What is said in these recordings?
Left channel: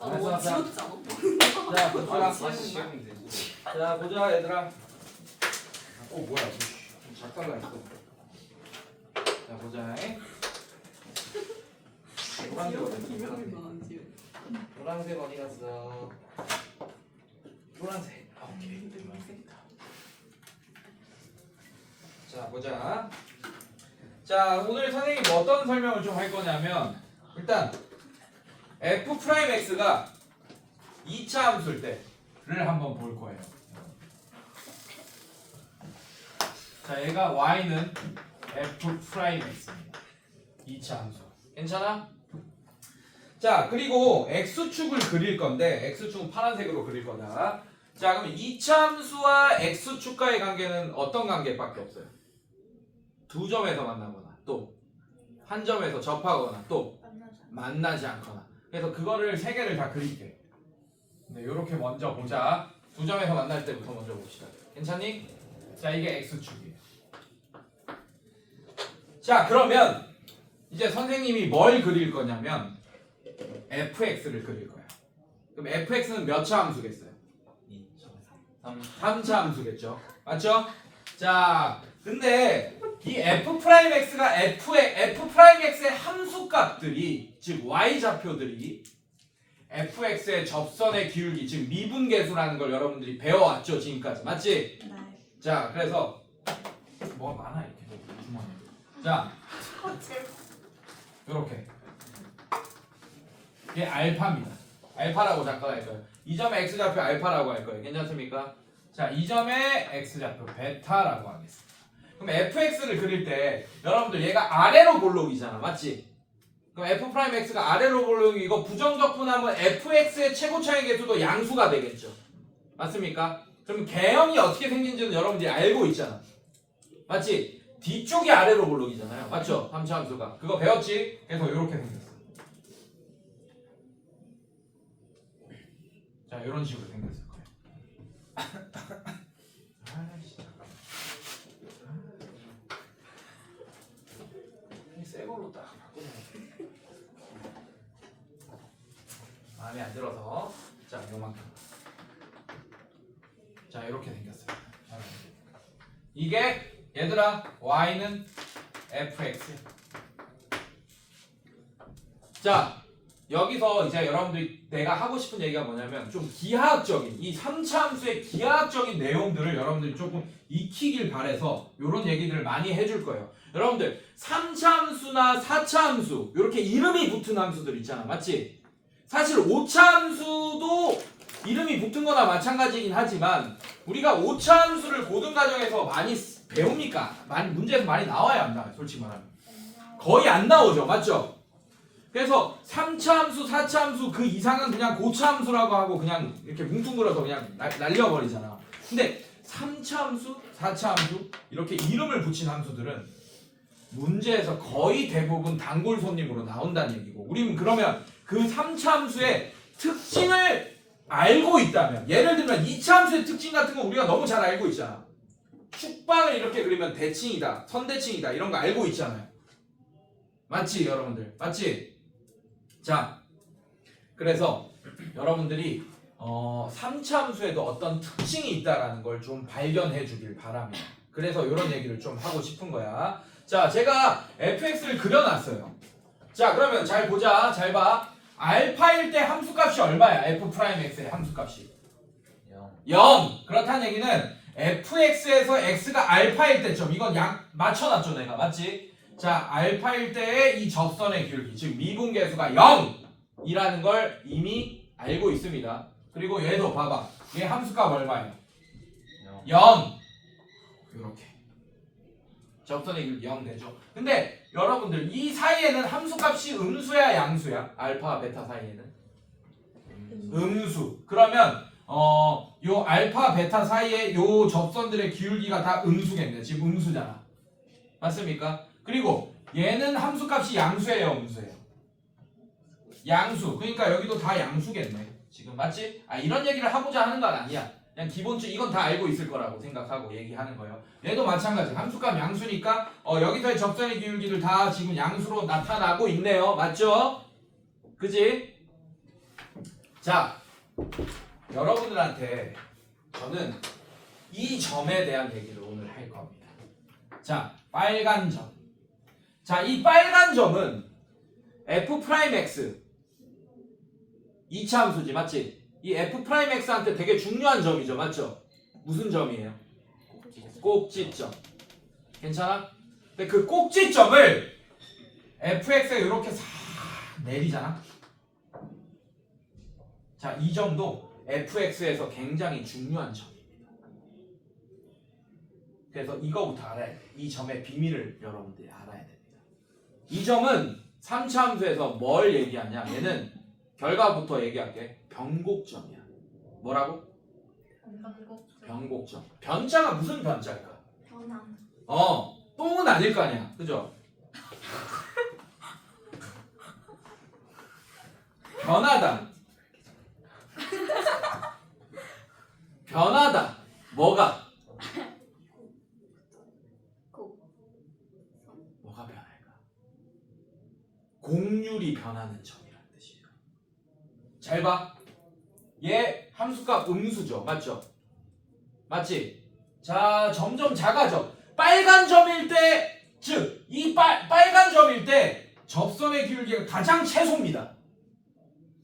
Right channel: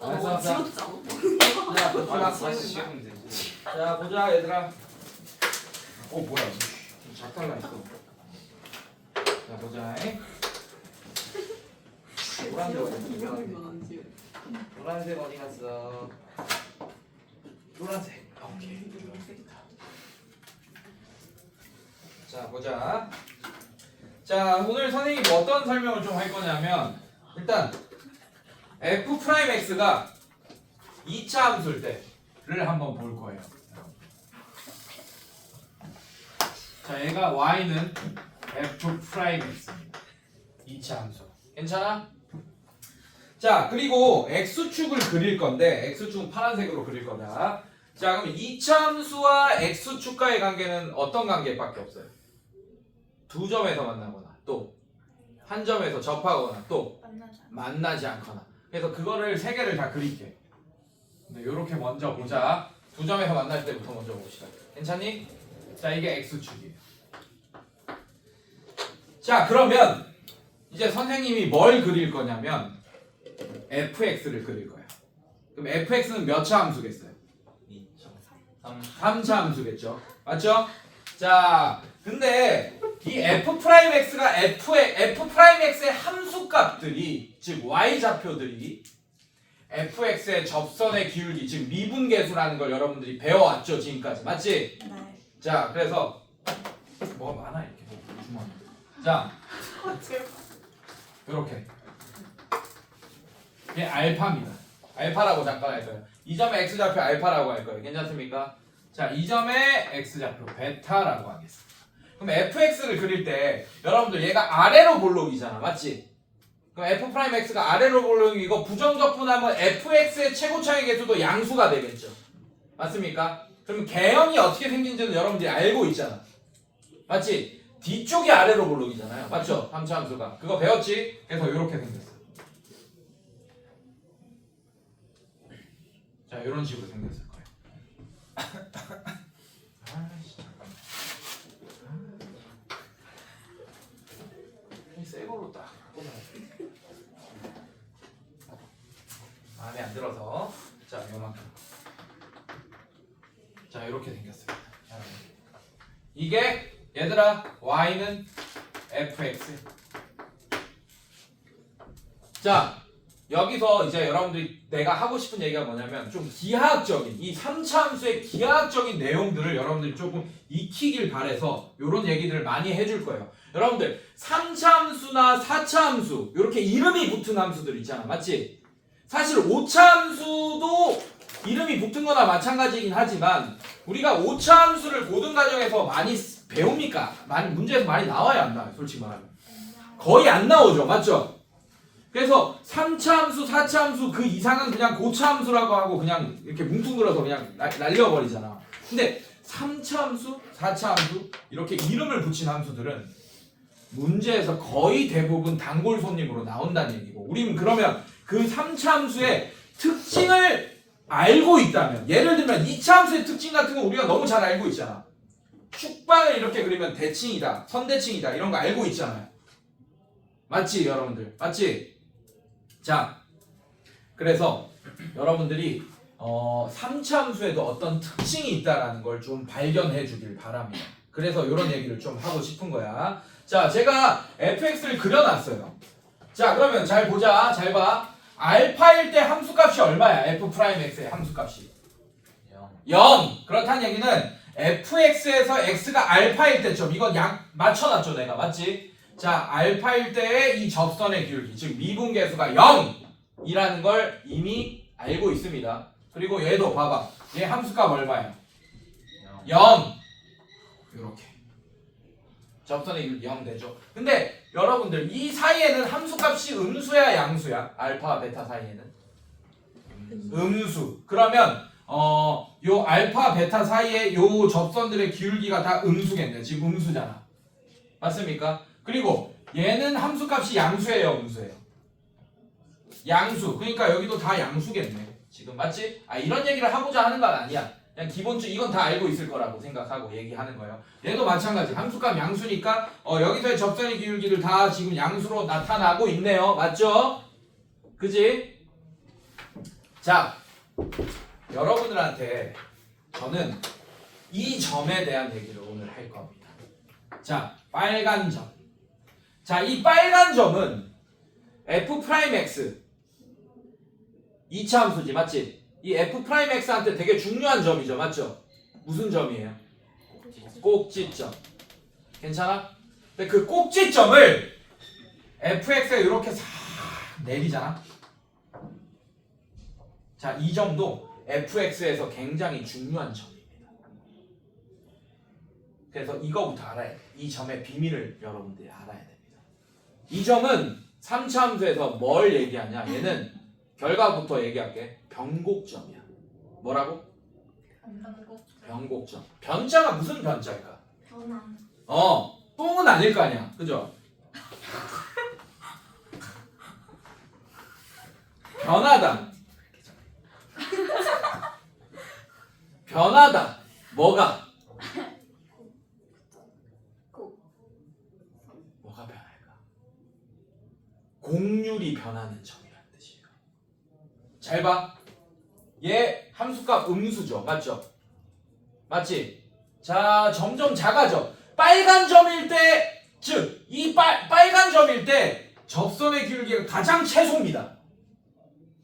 알았어. 자, 보자 얘들아. 뭐야? 좀 작달라 했어. 자, 보자. 노란색 어디 갔어? 노란색. 오케이. 노란색이다. 자, 보자. 자, 오늘 선생님이 어떤 설명을 좀 할 거냐면 일단 f'x가 2차 함수일 때를 한번 볼 거예요. 자, 얘가 y는 f'x입니다. 2차 함수. 괜찮아? 자, 그리고 x축을 그릴 건데 x축은 파란색으로 그릴 거다. 자, 그럼 2차 함수와 x축과의 관계는 어떤 관계밖에 없어요? 두 점에서 만나거나 또 한 점에서 접하거나 또 만나지 않거나. 그래서 그거를 세 개를 다 그릴게. 이렇게 먼저 보자. 두 점에서 만날 때부터 먼저 봅시다. 괜찮니? 자, 이게 x축이에요. 자, 그러면 이제 선생님이 뭘 그릴 거냐면 fx를 그릴 거야. 그럼 fx는 몇 차 함수겠어요? 3차 함수겠죠. 맞죠? 자, 근데 이 f'x가 f'x의 함수값들이 즉 y좌표들이 fx의 접선의 기울기 즉 미분계수라는 걸 여러분들이 배워왔죠 지금까지. 맞지? 네. 자, 그래서 뭐가 많아 이렇게 주머니. 자, 이렇게 이게 알파입니다. 알파라고 잠깐 할 거예요. 이 점의 x좌표 알파라고 할 거예요. 괜찮습니까? 자, 이 점의 x좌표 베타라고 하겠습니다. 그럼 fx를 그릴 때 여러분들 얘가 아래로 볼록이잖아. 맞지? 그럼 f'x가 아래로 볼록이고 부정적분하면 fx의 최고차의 개수도 양수가 되겠죠. 맞습니까? 그럼 개형이 어떻게 생긴지는 여러분들이 알고 있잖아. 맞지? 뒤쪽이 아래로 볼록이잖아요. 맞죠? 3차 함수가. 그거 배웠지? 그래서 이렇게 생겼어. 자, 이런 식으로 생겼을 거예요. 아이씨, 잠깐만. 새 걸로 딱 마음에 안 들어서. 자, 요만큼. 자, 이렇게 생겼어요. 이게 얘들아 y는 fx. 자, 여기서 이제 여러분들이 내가 하고 싶은 얘기가 뭐냐면 좀 기하학적인 이 3차 함수의 기하학적인 내용들을 여러분들이 조금 익히길 바래서 이런 얘기들을 많이 해줄 거예요. 여러분들 3차 함수나 4차 함수 이렇게 이름이 붙은 함수들 있잖아. 맞지? 사실 5차 함수도 이름이 붙은 거나 마찬가지이긴 하지만 우리가 5차 함수를 고등과정에서 많이 배웁니까? 문제에서 많이 나와요, 안 나와요? 솔직히 말하면 거의 안 나오죠. 맞죠? 그래서 3차 함수, 4차 함수 그 이상은 그냥 고차 함수라고 하고 그냥 이렇게 뭉뚱그려서 그냥 날려버리잖아. 근데 3차 함수, 4차 함수 이렇게 이름을 붙인 함수들은 문제에서 거의 대부분 단골 손님으로 나온다는 얘기고, 우리는 그러면 그 3차 함수의 특징을 알고 있다면, 예를 들면 2차 함수의 특징 같은 거 우리가 너무 잘 알고 있잖아. 축방을 이렇게 그리면 대칭이다, 선대칭이다 이런 거 알고 있잖아요. 맞지 여러분들? 맞지? 자, 그래서 여러분들이 3차 함수에도 어떤 특징이 있다라는 걸 좀 발견해 주길 바랍니다. 그래서 이런 얘기를 좀 하고 싶은 거야. 자, 제가 fx를 그려놨어요. 자, 그러면 잘 보자. 잘 봐. 알파일 때 함수값이 얼마야? f'x의 함수값이 0. 그렇다는 얘기는 fx에서 x가 알파일 때점, 이건 맞춰놨죠 내가. 맞지? 자, 알파일 때의 이 접선의 기울기 즉 미분계수가 0이라는 걸 이미 알고 있습니다. 그리고 얘도 봐봐. 얘 함수값 얼마예요? 0. 이렇게 접선의 기울기 0 되죠. 근데 여러분들 이 사이에는 함수값이 음수야 양수야? 알파 베타 사이에는 음수. 그러면 요 알파 베타 사이에 요 접선들의 기울기가 다 음수겠네. 지금 음수잖아. 맞습니까? 그리고 얘는 함수값이 양수예요, 음수예요? 양수. 그러니까 여기도 다 양수겠네. 지금 맞지? 이런 얘기를 하고자 하는 건 아니야. 그냥 기본적으로 이건 다 알고 있을 거라고 생각하고 얘기하는 거예요. 얘도 마찬가지. 함수값 양수니까 여기서의 접선의 기울기를 다 지금 양수로 나타나고 있네요. 맞죠? 그지? 자, 여러분들한테 저는 이 점에 대한 얘기를 오늘 할 겁니다. 자, 빨간 점. 자, 이 빨간 점은 F'X 2차 함수지, 맞지? 이 F'X한테 되게 중요한 점이죠, 맞죠? 무슨 점이에요? 꼭지점. 괜찮아? 근데 그 꼭지점을 Fx에 이렇게 싹 내리잖아. 자, 이 점도 Fx에서 굉장히 중요한 점입니다. 그래서 이거부터 알아야 돼. 이 점의 비밀을 여러분들이 알아야 됩니다. 이 점은 3차 함수에서 뭘 얘기하냐? 얘는 결과부터 얘기할게. 변곡점이야. 뭐라고? 변곡점. 변자가 무슨 변자일까? 변함. 똥은 아닐 거 아니야. 그죠? 변하다. 변하다. 뭐가? 뭐가 변할까? 곡률이 변하는 점이라는 뜻이에요. 잘 봐. 얘 함수값 음수죠. 맞죠? 맞지? 자, 점점 작아져. 빨간 점일 때, 즉, 이 빨간 점일 때 접선의 기울기가 가장 최소입니다.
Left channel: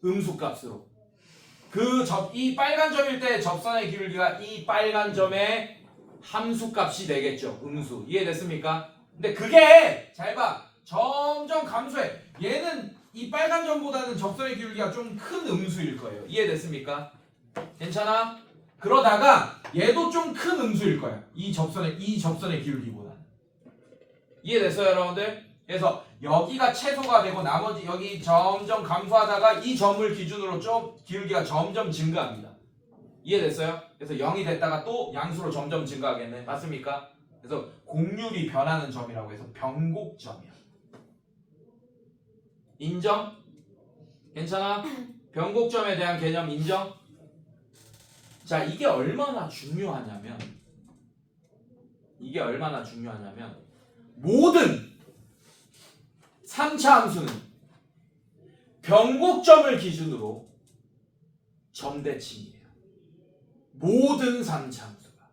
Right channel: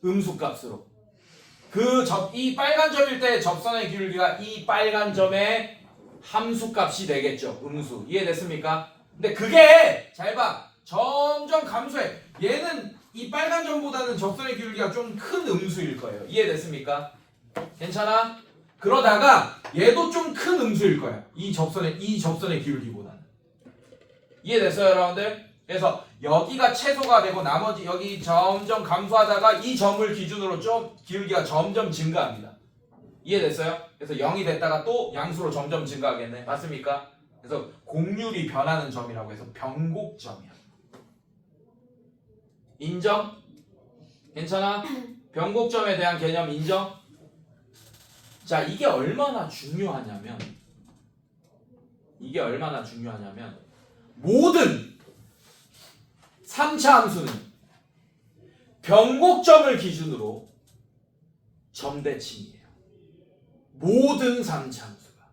음수값으로. 이 빨간 점일 때 접선의 기울기가 이 빨간 점의 함수값이 되겠죠. 음수. 이해됐습니까? 근데 그게 잘 봐. 점점 감소해. 얘는 이 빨간 점보다는 접선의 기울기가 좀 큰 음수일 거예요. 이해됐습니까? 괜찮아? 그러다가 얘도 좀 큰 음수일 거야. 이 접선의 기울기보다는. 이해됐어요, 여러분들? 그래서 여기가 최소가 되고 나머지 여기 점점 감소하다가 이 점을 기준으로 좀 기울기가 점점 증가합니다. 이해됐어요? 그래서 0이 됐다가 또 양수로 점점 증가하겠네. 맞습니까? 그래서 곡률이 변하는 점이라고 해서 변곡점이야. 인정? 괜찮아? 변곡점에 대한 개념 인정? 자, 이게 얼마나 중요하냐면 모든 3차 함수는 변곡점을 기준으로 점대칭이에요. 모든 3차 함수가.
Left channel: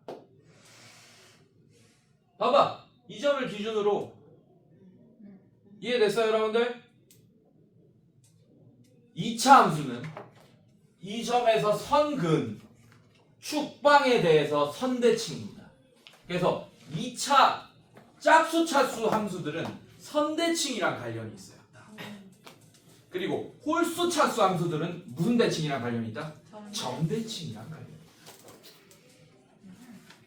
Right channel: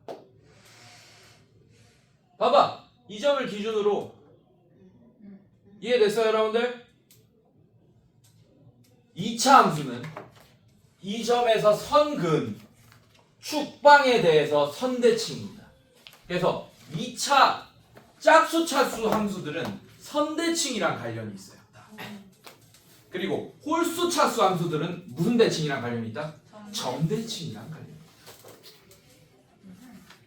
봐봐. 이 점을 기준으로 이해됐어요, 여러분들? 2차 함수는 이 점에서 선근 축방에 대해서 선대칭입니다. 그래서 2차 짝수차수 함수들은 선대칭이랑 관련이 있어요. 그리고 홀수차수 함수들은 무슨 대칭이랑 관련이 있다? 점대칭이랑 관련이 있다.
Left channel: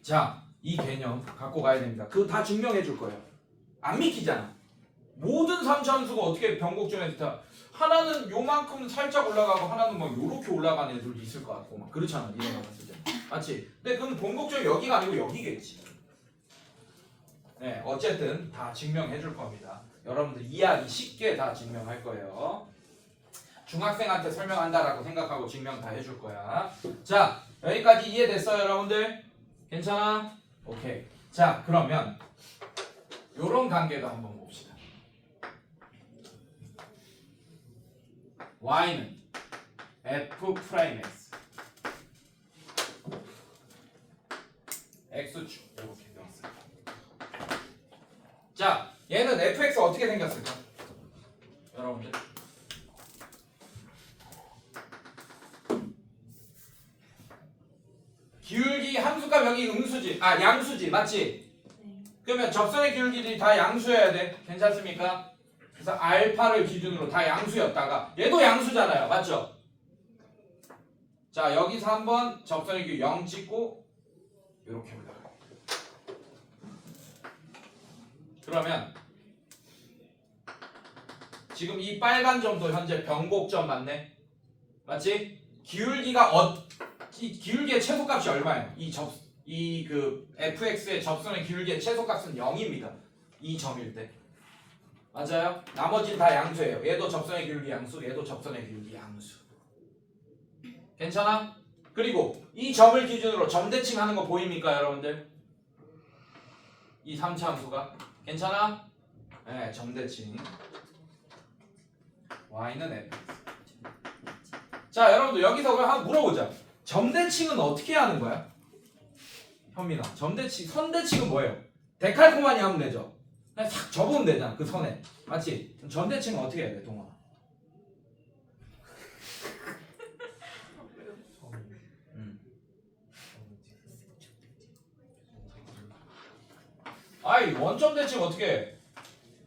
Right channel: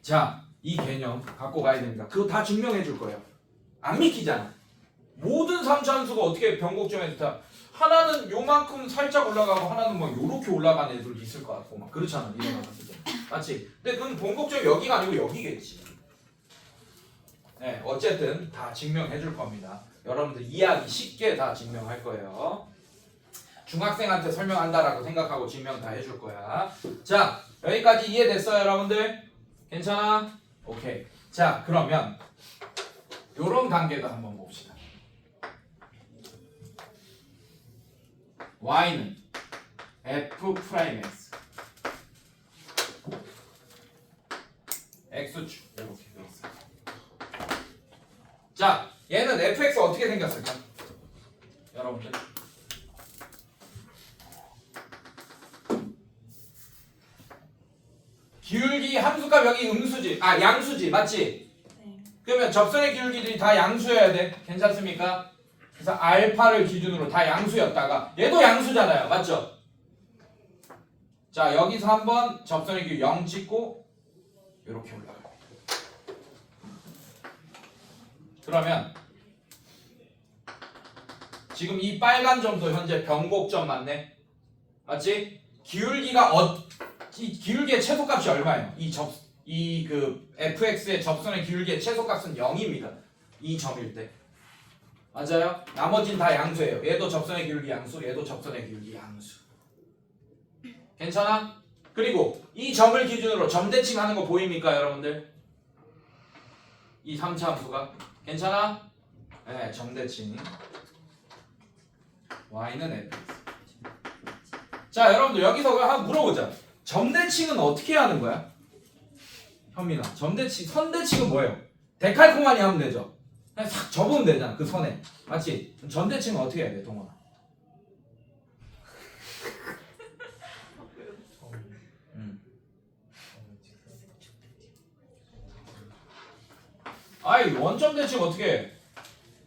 자, 이 개념 갖고 가야 됩니다. 그거 다 증명해 줄 거예요. 안 믿기잖아. 모든 3차 함수가 어떻게 변곡점에서 다 하나는 요만큼 살짝 올라가고 하나는 막 요렇게 올라가는 애들도 있을 것 같고 막 그렇잖아. 이런 거 봤을 때. 맞지? 근데 그건 변곡점이 여기가 아니고 여기겠지. 네, 어쨌든 다 증명해 줄 겁니다. 여러분들 이해하기 쉽게 다 증명할 거예요. 중학생한테 설명한다라고 생각하고 증명 다 해줄 거야. 자, 여기까지 이해됐어요, 여러분들? 괜찮아? 오케이. 자, 그러면 요런 관계도 한번 봅시다. y는 F'X X축 이렇게 넣었어요. 자, 얘는 fx 어떻게 생겼을까? 여러분들 기울기 함수값 여기 음수지, 양수지, 맞지? 네. 그러면 접선의 기울기들이 다 양수여야 돼. 괜찮습니까? 그래서 알파를 기준으로 다 양수였다가 얘도 양수잖아요, 맞죠? 자, 여기서 한번 접선의 기울기 0 찍고 이렇게 올라갑니다. 그러면 지금 이 빨간 점도 현재 변곡점 맞네? 맞지? 기울기가 이 기울기의 최소값이 얼마예요? 이 fx의 접선의 기울기의 최소값은 0입니다. 이 점일 때. 맞아요? 나머지는 다 양수예요. 얘도 접선의 기울기 양수, 얘도 접선의 기울기 양수. 괜찮아? 그리고 이 점을 기준으로 점대칭 하는 거 보입니까, 여러분들? 이 3차 함수가. 괜찮아? 네, 점대칭. y는 fx. 자 여러분들 여기서 한번 물어보자. 점대칭은 어떻게 하는 거야? 현민아 점대칭 선대칭은 뭐예요? 데칼코마니 하면 되죠. 그냥 싹 접으면 되잖아 그 선에. 맞지? 점대칭은 어떻게 해야 돼 동원아? 아이 원점 대칭 어떻게 해?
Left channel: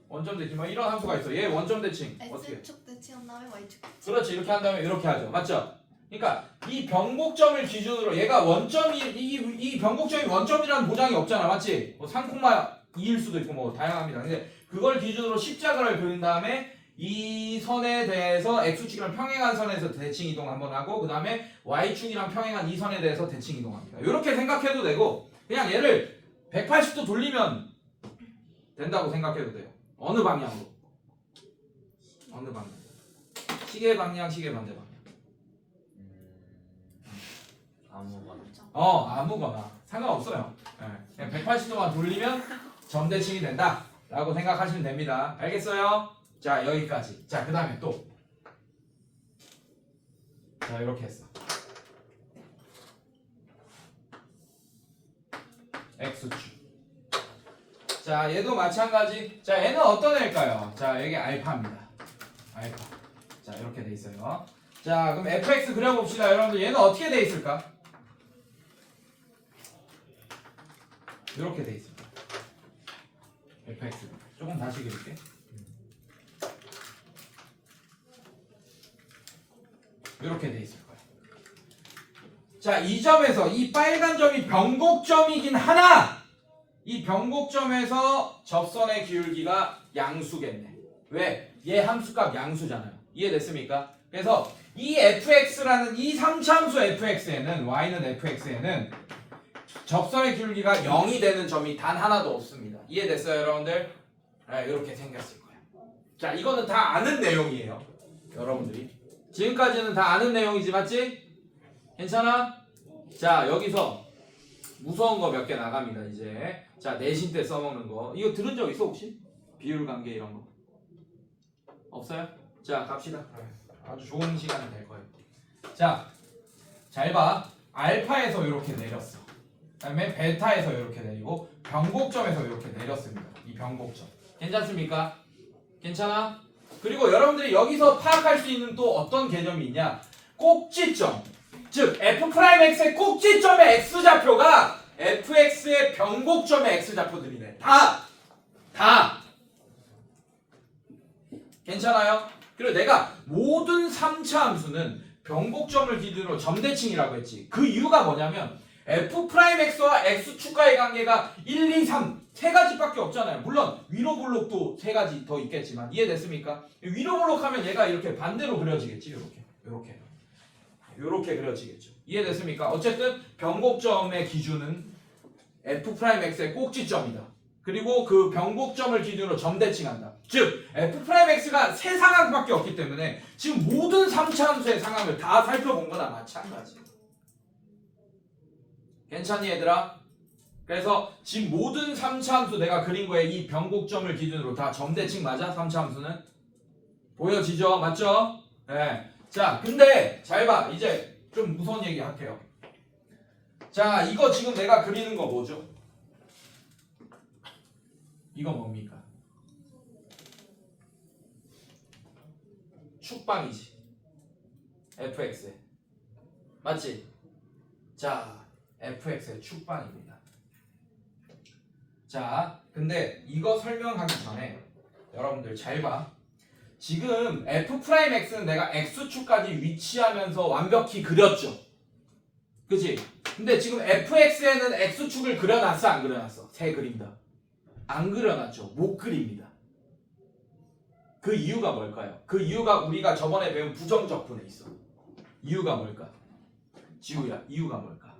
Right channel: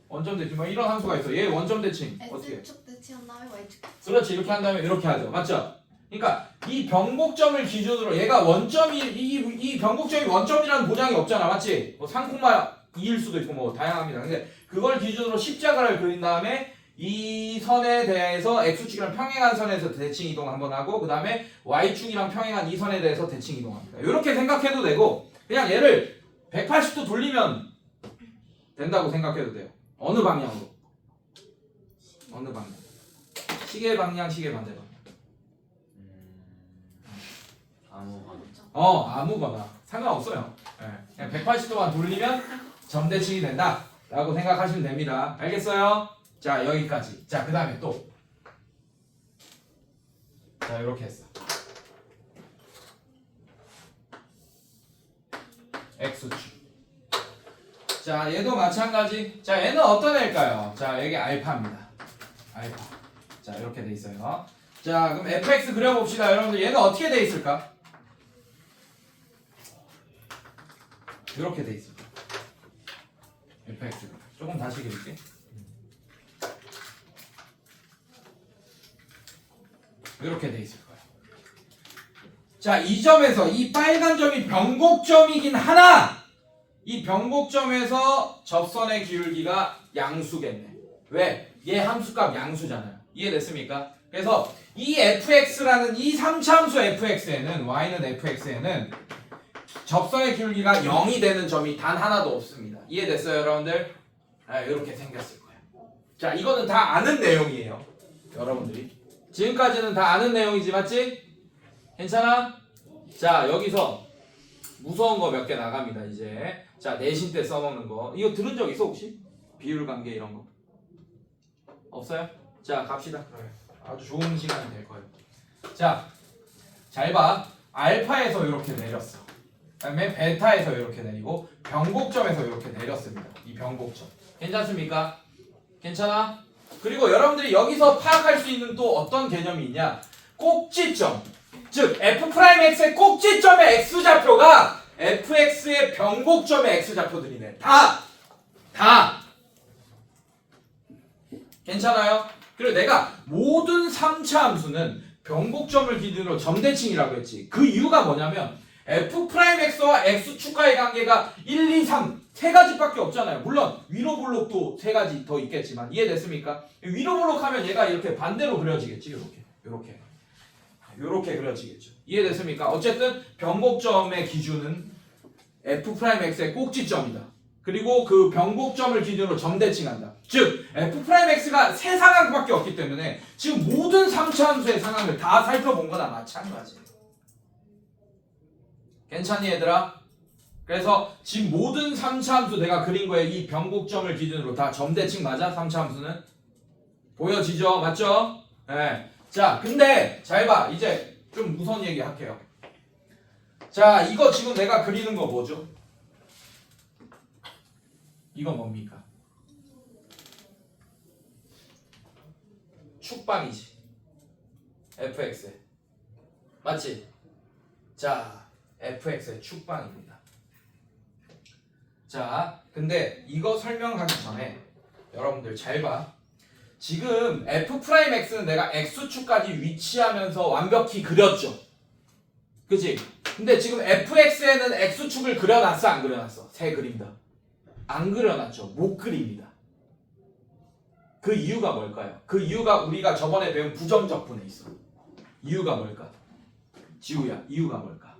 원점 대칭 막 이런 함수가 있어. 얘 원점 대칭 어떻게 해? X축 대칭한 다음에 Y축 대칭. 그렇지 이렇게 한 다음에 이렇게 하죠. 맞죠? 그러니까 이 변곡점을 기준으로 얘가 원점이 이 변곡점이 원점이라는 보장이 없잖아. 맞지? 뭐 3,2일 수도 있고 뭐 다양합니다. 근데 그걸 기준으로 십자가를 그린 다음에 이 선에 대해서 x축이랑 평행한 선에서 대칭 이동 한번 하고 그 다음에 y축이랑 평행한 이 선에 대해서 대칭 이동합니다. 이렇게 생각해도 되고 그냥 얘를 180도 돌리면 된다고 생각해도 돼요. 어느 방향으로? 어느 방향? 시계 방향, 시계 반대 방향. 아무거나. 아무거나 상관없어요. 네. 그냥 180도만 돌리면 점대칭이 된다라고 생각하시면 됩니다. 알겠어요? 자 여기까지. 자 그 다음에 또. 자 이렇게 했어. x축. 자 얘도 마찬가지. 자 얘는 어떤 애일까요? 자 여기 알파입니다. 알파. 자 이렇게 돼 있어요. 자 그럼 fx 그려봅시다. 여러분들 얘는 어떻게 돼 있을까? 이렇게 돼 있습니다. fx 조금 다시 그릴게. 이렇게 돼 있을 거예요. 자, 이 점에서 이 빨간 점이 변곡점이긴 하나 이 변곡점에서 접선의 기울기가 양수겠네. 왜? 얘 함수값 양수잖아요. 이해됐습니까? 그래서 이 fx라는 이 3차함수 fx에는 y는 fx에는 접선의 기울기가 0이 되는 점이 단 하나도 없습니다. 이해됐어요, 여러분들? 이렇게 생겼을 거예요. 자, 이거는 다 아는 내용이에요. 여러분들이 지금까지는 다 아는 내용이지, 맞지? 괜찮아? 자, 여기서 무서운 거 몇 개 나갑니다, 이제. 자, 내신 때 써먹는 거. 이거 들은 적 있어, 혹시? 비율 관계 이런 거. 없어요? 자, 갑시다. 아주 좋은 시간이 될 거예요. 자, 잘 봐. 알파에서 이렇게 내렸어. 그다음에 베타에서 이렇게 내리고 변곡점에서 이렇게 내렸습니다. 이 변곡점. 괜찮습니까? 괜찮아? 그리고 여러분들이 여기서 파악할 수 있는 또 어떤 개념이 있냐? 꼭지점. 즉 f'x의 꼭지점의 x좌표가 fx의 변곡점의 x좌표들이네. 다. 괜찮아요? 그리고 내가 모든 3차 함수는 변곡점을 기준으로 점대칭이라고 했지. 그 이유가 뭐냐면 f'x와 x축과의 관계가 1, 2, 3 세 가지밖에 없잖아요. 물론 위로 볼록도 세 가지 더 있겠지만 이해됐습니까? 위로 볼록하면 얘가 이렇게 반대로 그려지겠지. 이렇게 그려지겠죠. 이해됐습니까? 어쨌든 변곡점의 기준은 f'x의 꼭지점이다. 그리고 그 변곡점을 기준으로 점대칭한다. 즉 f'x가 세 상황밖에 없기 때문에 지금 모든 3차 함수의 상황을 다 살펴본 거나 마찬가지예요. 괜찮니 얘들아? 그래서 지금 모든 3차 함수 내가 그린 거에 이 변곡점을 기준으로 다 점대칭 맞아? 3차 함수는? 보여지죠? 맞죠? 네. 자 근데 잘 봐. 이제 좀 무서운 얘기 할게요. 자 이거 지금 내가 그리는 거 뭐죠? 이건 뭡니까? 축방이지. fx에. 맞지? 자 fx의 축방입니다. 자 근데 이거 설명하기 전에 여러분들 잘 봐. 지금 f'x는 내가 x축까지 위치하면서 완벽히 그렸죠. 그치? 근데 지금 fx에는 x축을 그려놨어 안 그려놨어? 새 그린다. 안 그려놨죠. 못 그립니다. 그 이유가 뭘까요? 그 이유가 우리가 저번에 배운 부정적분에 있어. 이유가 뭘까? 지우야 이유가 뭘까?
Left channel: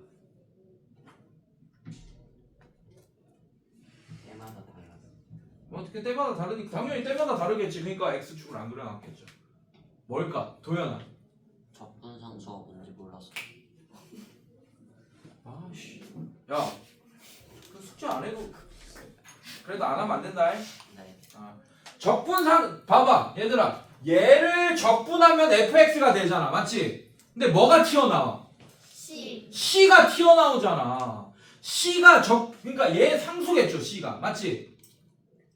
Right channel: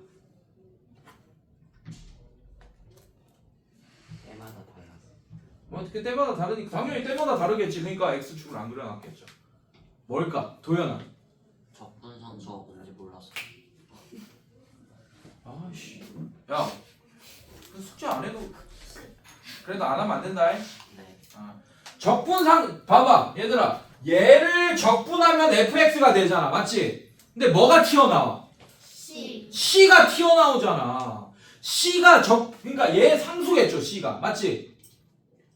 때마다 달라서. 뭐 때마다 다르니까 당연히 때마다 다르겠지. 그러니까 x축을 안 그려놨겠죠. 뭘까? 도연아. 적분 산수가 뭔지 몰랐어. 아씨. 야. 그 숙제 안 해도 그래도 안 하면 안 된다. 네. 적분상 봐봐 얘들아. 얘를 적분하면 fx가 되잖아. 맞지? 근데 뭐가 튀어나와? C. C가 튀어나오잖아. C가 그러니까 얘 상수겠죠, C가. 맞지?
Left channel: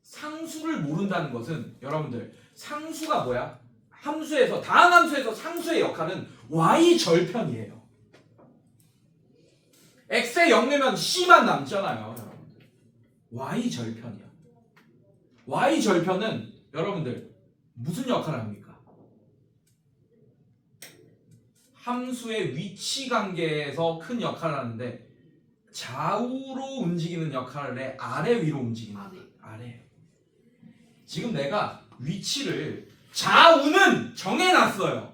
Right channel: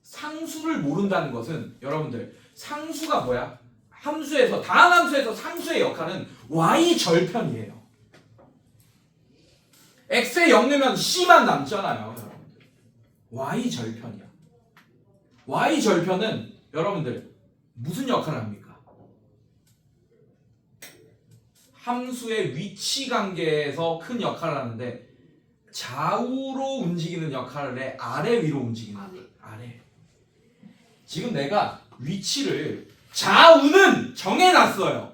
상수를 모른다는 것은 여러분들 상수가 뭐야? 함수에서 다항함수에서 상수의 역할은 y 절편이에요. x에 0 넣으면 c만 남잖아요, 여러분들. y 절편이야. y 절편은 여러분들 무슨 역할을 합니까? 함수의 위치 관계에서 큰 역할을 하는데 좌우로 움직이는 역할을 해, 아래 위로 움직이는 거야. 아래. 지금 내가 위치를 좌우는 정해놨어요.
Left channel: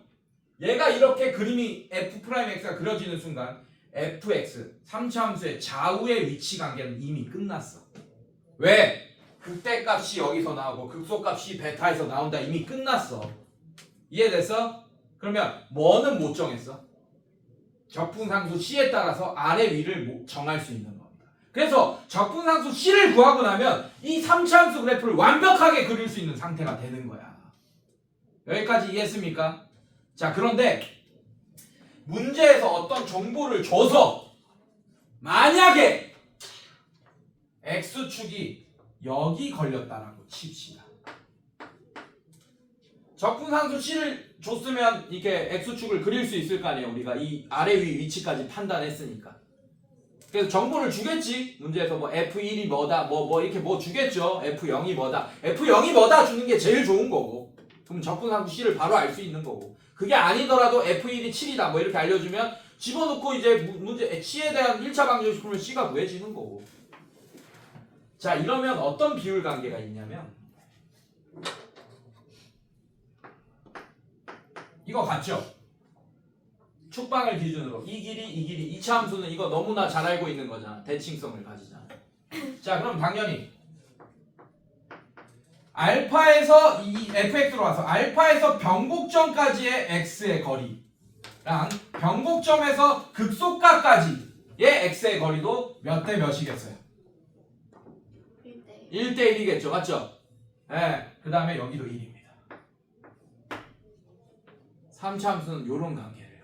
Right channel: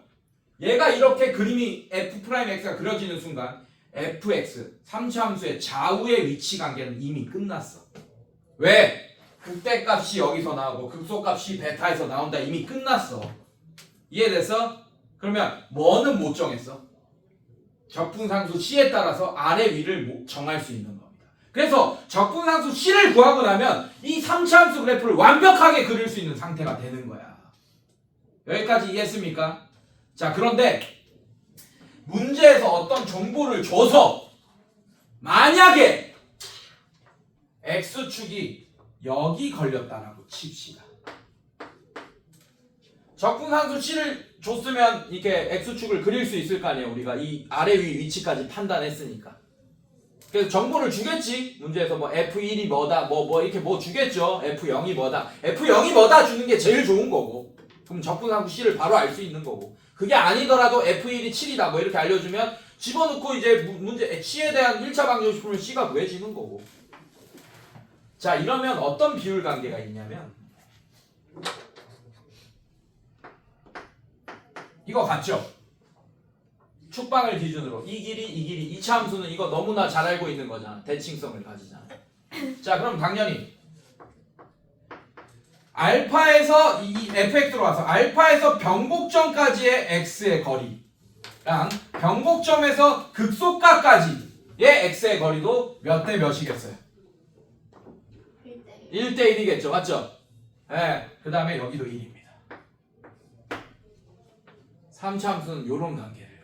얘가 이렇게 그림이 f'x가 그려지는 순간 fx 3차 함수의 좌우의 위치 관계는 이미 끝났어. 왜? 극대값이 여기서 나오고 극소값이 베타에서 나온다. 이미 끝났어. 이해됐어? 그러면 뭐는 못 정했어? 적분상수 C에 따라서 아래 위를 정할 수 있는 겁니다. 그래서 적분상수 C를 구하고 나면 이 3차 함수 그래프를 완벽하게 그릴 수 있는 상태가 되는 거야. 여기까지 이해했습니까? 자, 그런데 문제에서 어떤 정보를 줘서 만약에 X축이 여기 걸렸다라고 칩시다. 적분상수 C를 줬으면 이렇게 X축을 그릴 수 있을 거 아니에요. 우리가 이 아래 위 위치까지 판단했으니까. 그래서 정보를 주겠지. 문제에서 뭐 F1이 뭐다 뭐 이렇게 뭐 주겠죠. F0이 뭐다. F0이 뭐다 주는 게 제일 좋은 거고. 그럼 적분상수 C를 바로 알 수 있는 거고. 그게 아니더라도 F1이 7이다 뭐 이렇게 알려주면 집어넣고 이제 문제 C에 대한 1차 방정식 풀면 C가 구해지는 거고. 자, 이러면 어떤 비율 관계가 있냐면 이거 같죠? 축방을 기준으로 이 길이 2차 함수는 이거 너무나 잘 알고 있는 거잖아. 대칭성을 가지잖아. 자, 그럼 당연히 알파에서 이 fx로 와서 알파에서 변곡점까지의 x의 거리랑 변곡점에서 극소가까지의 x의 거리도 몇 대 몇이겠어요? 1대1. 1대1이겠죠. 맞죠? 네. 그 다음에 여기도 1입니다. 3차 함수는 이런 관계를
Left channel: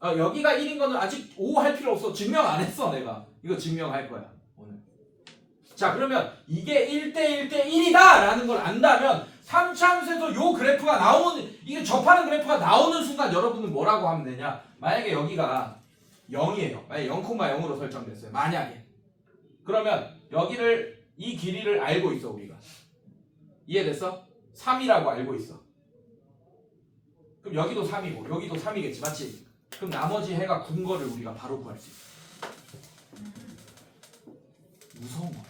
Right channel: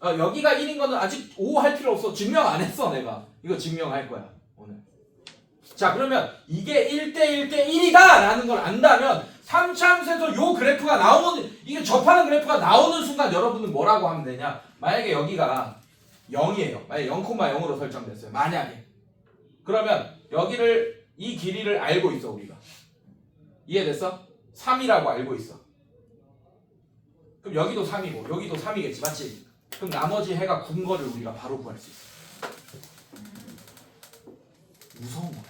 가져요. 여기가 1인 거는 아직 5 할 필요 없어. 증명 안 했어 내가. 이거 증명할 거야 오늘. 자, 그러면 이게 1대1대1이다 라는 걸 안다면 3차 함수에서 요 그래프가 나오는, 이게 접하는 그래프가 나오는 순간 여러분은 뭐라고 하면 되냐. 만약에 여기가 0이에요. 만약에 0,0으로 설정됐어요. 만약에. 그러면 여기를 이 길이를 알고 있어 우리가. 이해됐어? 3이라고 알고 있어. 그럼 여기도 3이고 여기도 3이겠지. 맞지? 그럼 나머지 해가 군 거를 우리가 바로 구할 수 있어. 무서운 거야.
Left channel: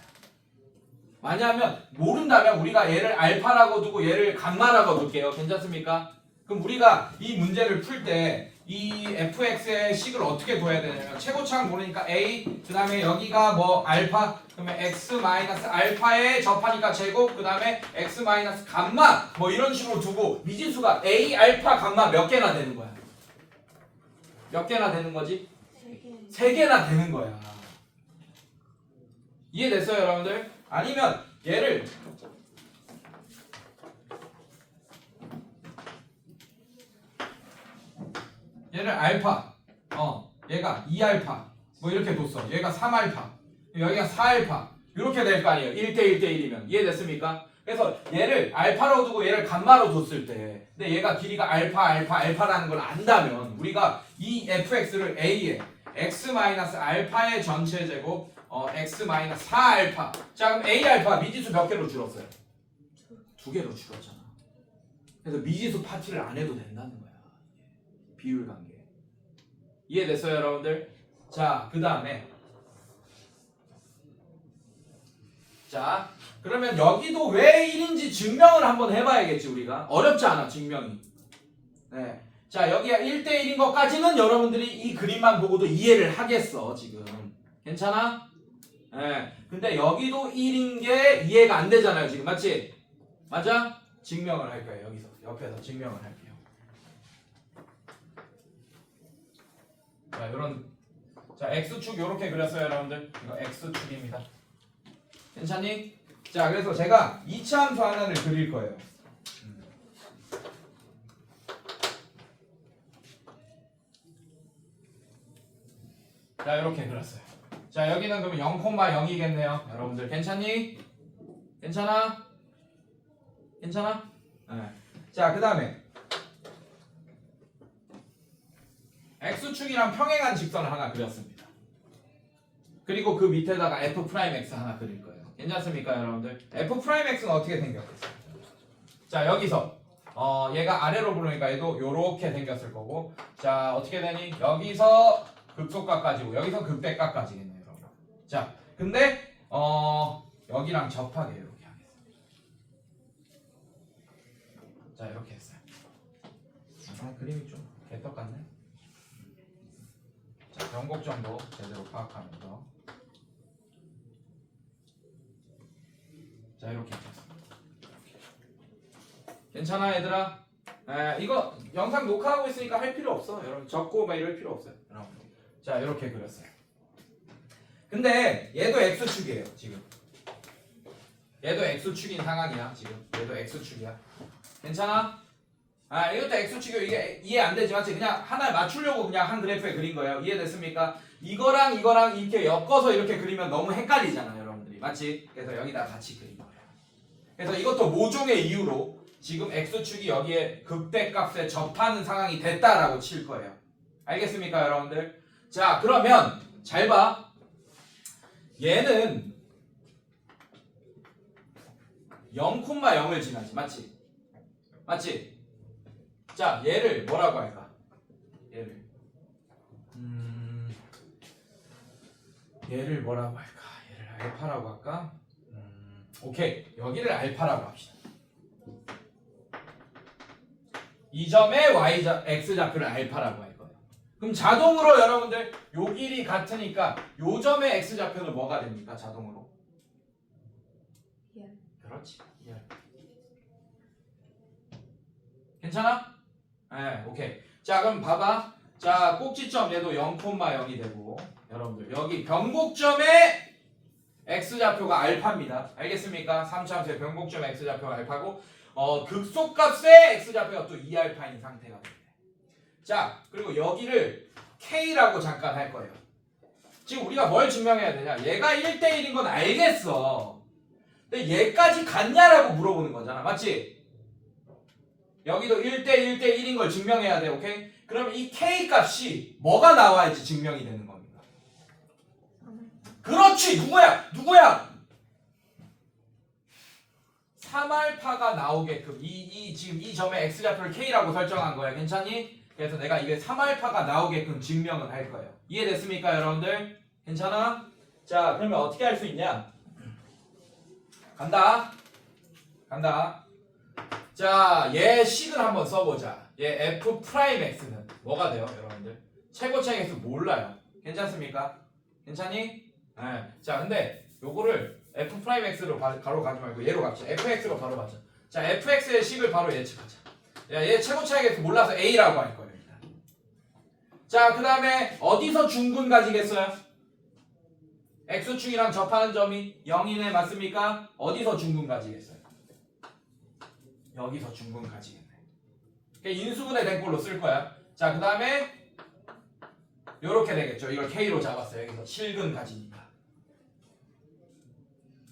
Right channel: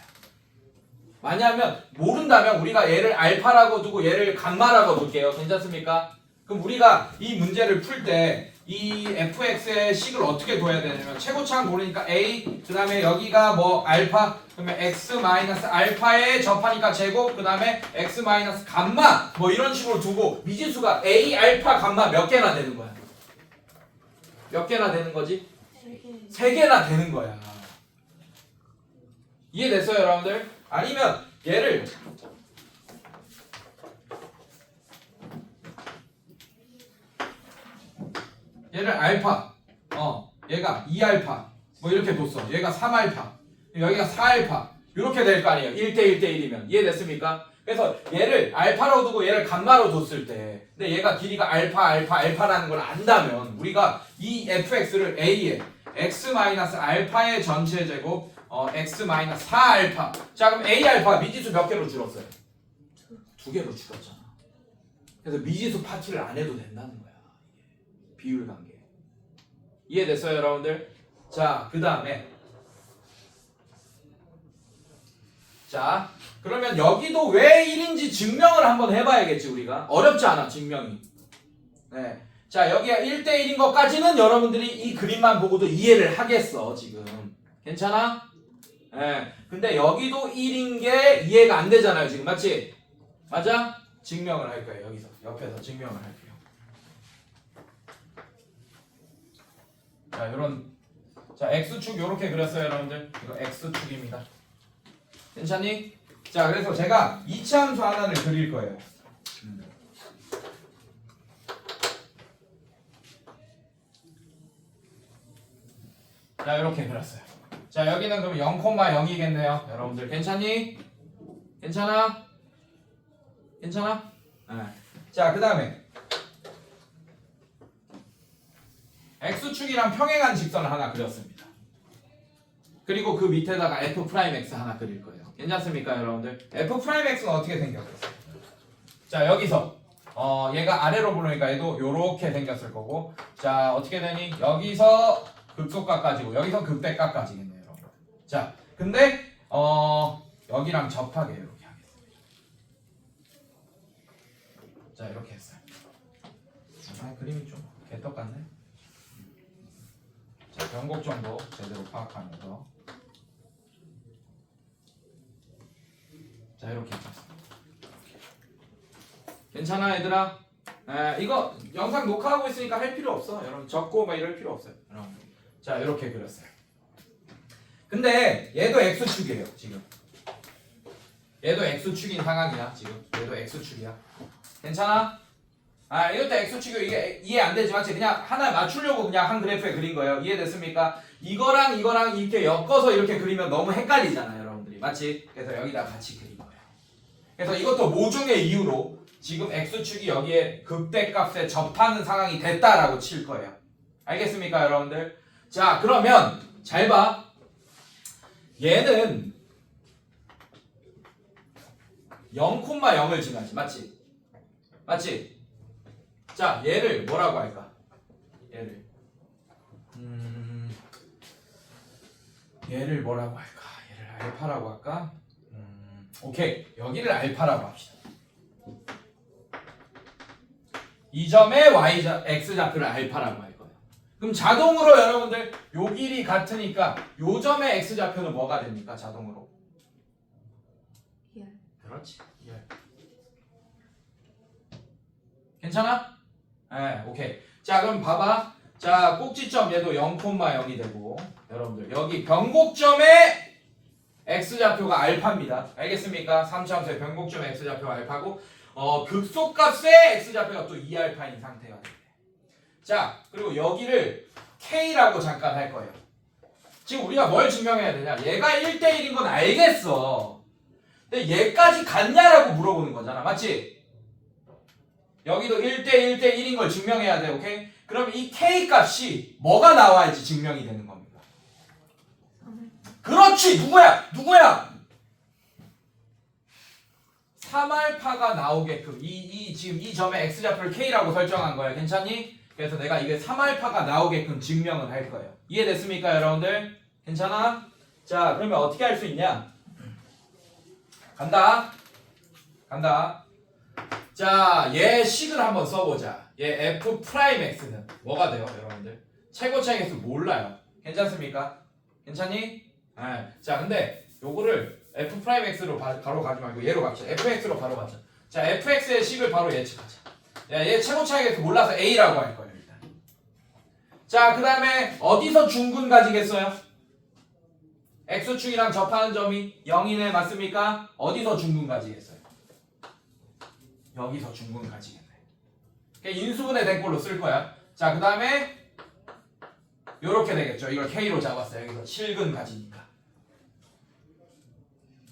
만약에 모른다면 우리가 얘를 알파라고 두고 얘를 감마라고 둘게요. 괜찮습니까? 그럼 우리가 이 문제를 풀 때 이 fx의 식을 어떻게 둬야 되냐면 최고차가 모르니까 a, 그 다음에 여기가 뭐 알파, 그러면 x 마이너스 알파에 접하니까 제곱, 그 다음에 x 마이너스 감마 뭐 이런 식으로 두고 미지수가 a, 알파, 감마 몇 개나 되는 거야? 몇 개나 되는 거지? 3개. 3개나 되는 거야. 이해됐어요 여러분들? 아니면 얘를 알파, 얘가 2알파 뭐 이렇게 뒀어. 얘가 3알파, 여기가 4알파 이렇게 될 거 아니에요. 1대1대1이면. 이해됐습니까? 그래서 얘를 알파로 두고 얘를 감마로 뒀을 때, 근데 얘가 길이가 알파라는 걸 안다면 우리가 이 fx를 a에 x-알파의 전체 제곱 x-4알파. 자, 그럼 a 알파 미지수 몇 개로 줄었어요? 2개로 줄었잖아. 그래서 미지수 파티를 안 해도 된다는 거야. 비율 관계. 이해됐어요 여러분들? 자, 그 다음에 자, 그러면 여기도 왜 1인지 증명을 한번 해봐야겠지 우리가. 어렵지 않아 증명이. 네. 자, 여기가 1대1인 것까지는 여러분들이 이 그림만 보고도 이해를 하겠어 지금. 괜찮아? 네. 근데 여기도 1인 게 이해가 안 되잖아요 지금. 맞지? 맞아? 증명을 할 거예요. 여기서 옆에서 증명을 할게요. 자, 자, x축 요렇게 그렸어요 여러분들. 이거 x축입니다. 괜찮니? 자, 그래서 제가 2차 함수 하나를 그릴 거예요. 자 이렇게 그렸어요. 자 여기는 그럼 0,0이겠네요. 여러분들 괜찮니? 괜찮아? 괜찮아? 네. 자 그다음에 x축이랑 평행한 직선을 하나 그렸습니다. 그리고 그 밑에다가 f'(x) 하나 그릴 거예요. 괜찮습니까 여러분들? f'(x는) 어떻게 생겼어요? 자 여기서 얘가 아래로 보내니까 얘도 요렇게 생겼을 거고, 자 어떻게 되니? 여기서 극소값까지고 여기서 극대값까지겠네요 여러분. 자 근데 여기랑 접하게 이렇게 하겠습니다. 자 이렇게 했어요. 그림이 좀 개떡 같네. 자 변곡점도 제대로 파악하면서 자 이렇게 했습니다. 괜찮아 얘들아? 이거 영상 녹화하고 있으니까 할 필요 없어. 여러분 적고 막 이럴 필요 없어요. 여러분. 자 이렇게 그렸어요. 근데 얘도 x축이에요 지금. 얘도 x축인 상황이야 지금. 얘도 x축이야. 괜찮아? 이것도 x축이고 이게 이해 안 되지만 그냥 하나에 맞추려고 그냥 한 그래프에 그린 거예요. 이해됐습니까? 이거랑 이거랑 이렇게 엮어서 이렇게 그리면 너무 헷갈리잖아요 여러분들이. 맞지? 그래서 여기다 같이 그린 거예요. 그래서 이것도 모종의 이유로 지금 x축이 여기에 극대값에 접하는 상황이 됐다라고 칠 거예요. 알겠습니까 여러분들? 자 그러면 잘 봐. 얘는 0,0을 지나지. 맞지? 맞지? 자 얘를 뭐라고 할까? 얘를 뭐라고 할까? 얘를 알파라고 할까? 오케이 여기를 알파라고 합시다. 이 점의 x좌표를 알파라고 할 거예요. 그럼 자동으로 여러분들 요 길이 같으니까 요 점의 x좌표는 뭐가 됩니까? 자동으로. 그렇지. 괜찮아? 네, 오케이. 자 그럼 봐봐. 자 꼭지점 얘도 0,0이 되고 여러분들 여기 변곡점의 x좌표가 알파입니다. 알겠습니까? 3차함수의 변곡점 x좌표가 알파고 극소값의 x좌표가 또 2알파인 상태가 돼요. 자 그리고 여기를 k라고 잠깐 할 거예요. 지금 우리가 뭘 증명해야 되냐? 얘가 1대1인 건 알겠어. 근데 얘까지 같냐라고 물어보는 거잖아. 맞지? 여기도 1대1인 걸 증명해야 돼. 오케이? 그러면 이 k 값이 뭐가 나와야지 증명이 되는 겁니다. 그렇지. 누구야? 3알파가 나오게끔 지금 이 점의 x좌표를 k라고 설정한 거예요. 괜찮니? 그래서 내가 이게 3알파가 나오게끔 증명을 할 거예요. 이해됐습니까 여러분들? 괜찮아? 자 그러면 어떻게 할 수 있냐? 간다. 자 얘 식을 한번 써보자. 얘 f'x는 뭐가 돼요 여러분들? 최고차의 개수 몰라요. 괜찮습니까? 괜찮니? 자 근데 요거를 f'x로 바로 가지 말고 얘로 갑시다. fx로 바로 가자. 자 fx의 식을 바로 예측하자. 얘 최고차의 개수 몰라서 a라고 할 거예요 일단. 자 그 다음에 어디서 중근 가지겠어요? x축이랑 접하는 점이 0이네. 맞습니까? 어디서 중근 가지겠어요? 여기서 중근 가지겠네. 인수분해 된 걸로 쓸 거야. 자 그 다음에 요렇게 되겠죠. 이걸 k로 잡았어요. 여기서 7근 가지니까.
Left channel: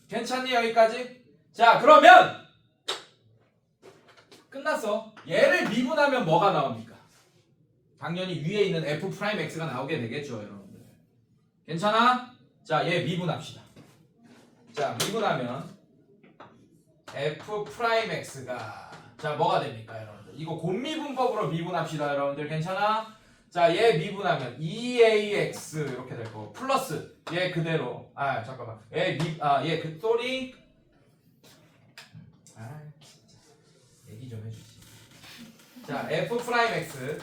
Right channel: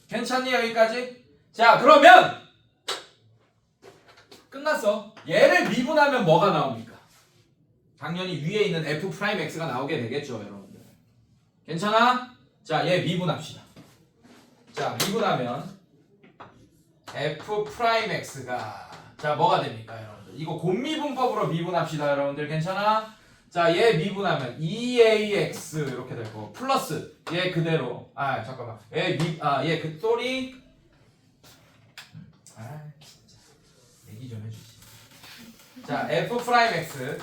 괜찮니 여기까지? 자 그러면 끝났어. 얘를 미분하면 뭐가 나옵니까? 당연히 위에 있는 f'x가 나오게 되겠죠 여러분들. 괜찮아? 자 얘 미분합시다. 자 미분하면 f'x가 자 뭐가 됩니까 여러분들? 이거 곤미분법으로 미분합시다 여러분들. 괜찮아? 자 얘 미분하면 2ax 이렇게 될 거고 플러스 얘 그대로 잠깐만 얘 그 쏘리 진짜 얘기 좀 해주지. 자 f'x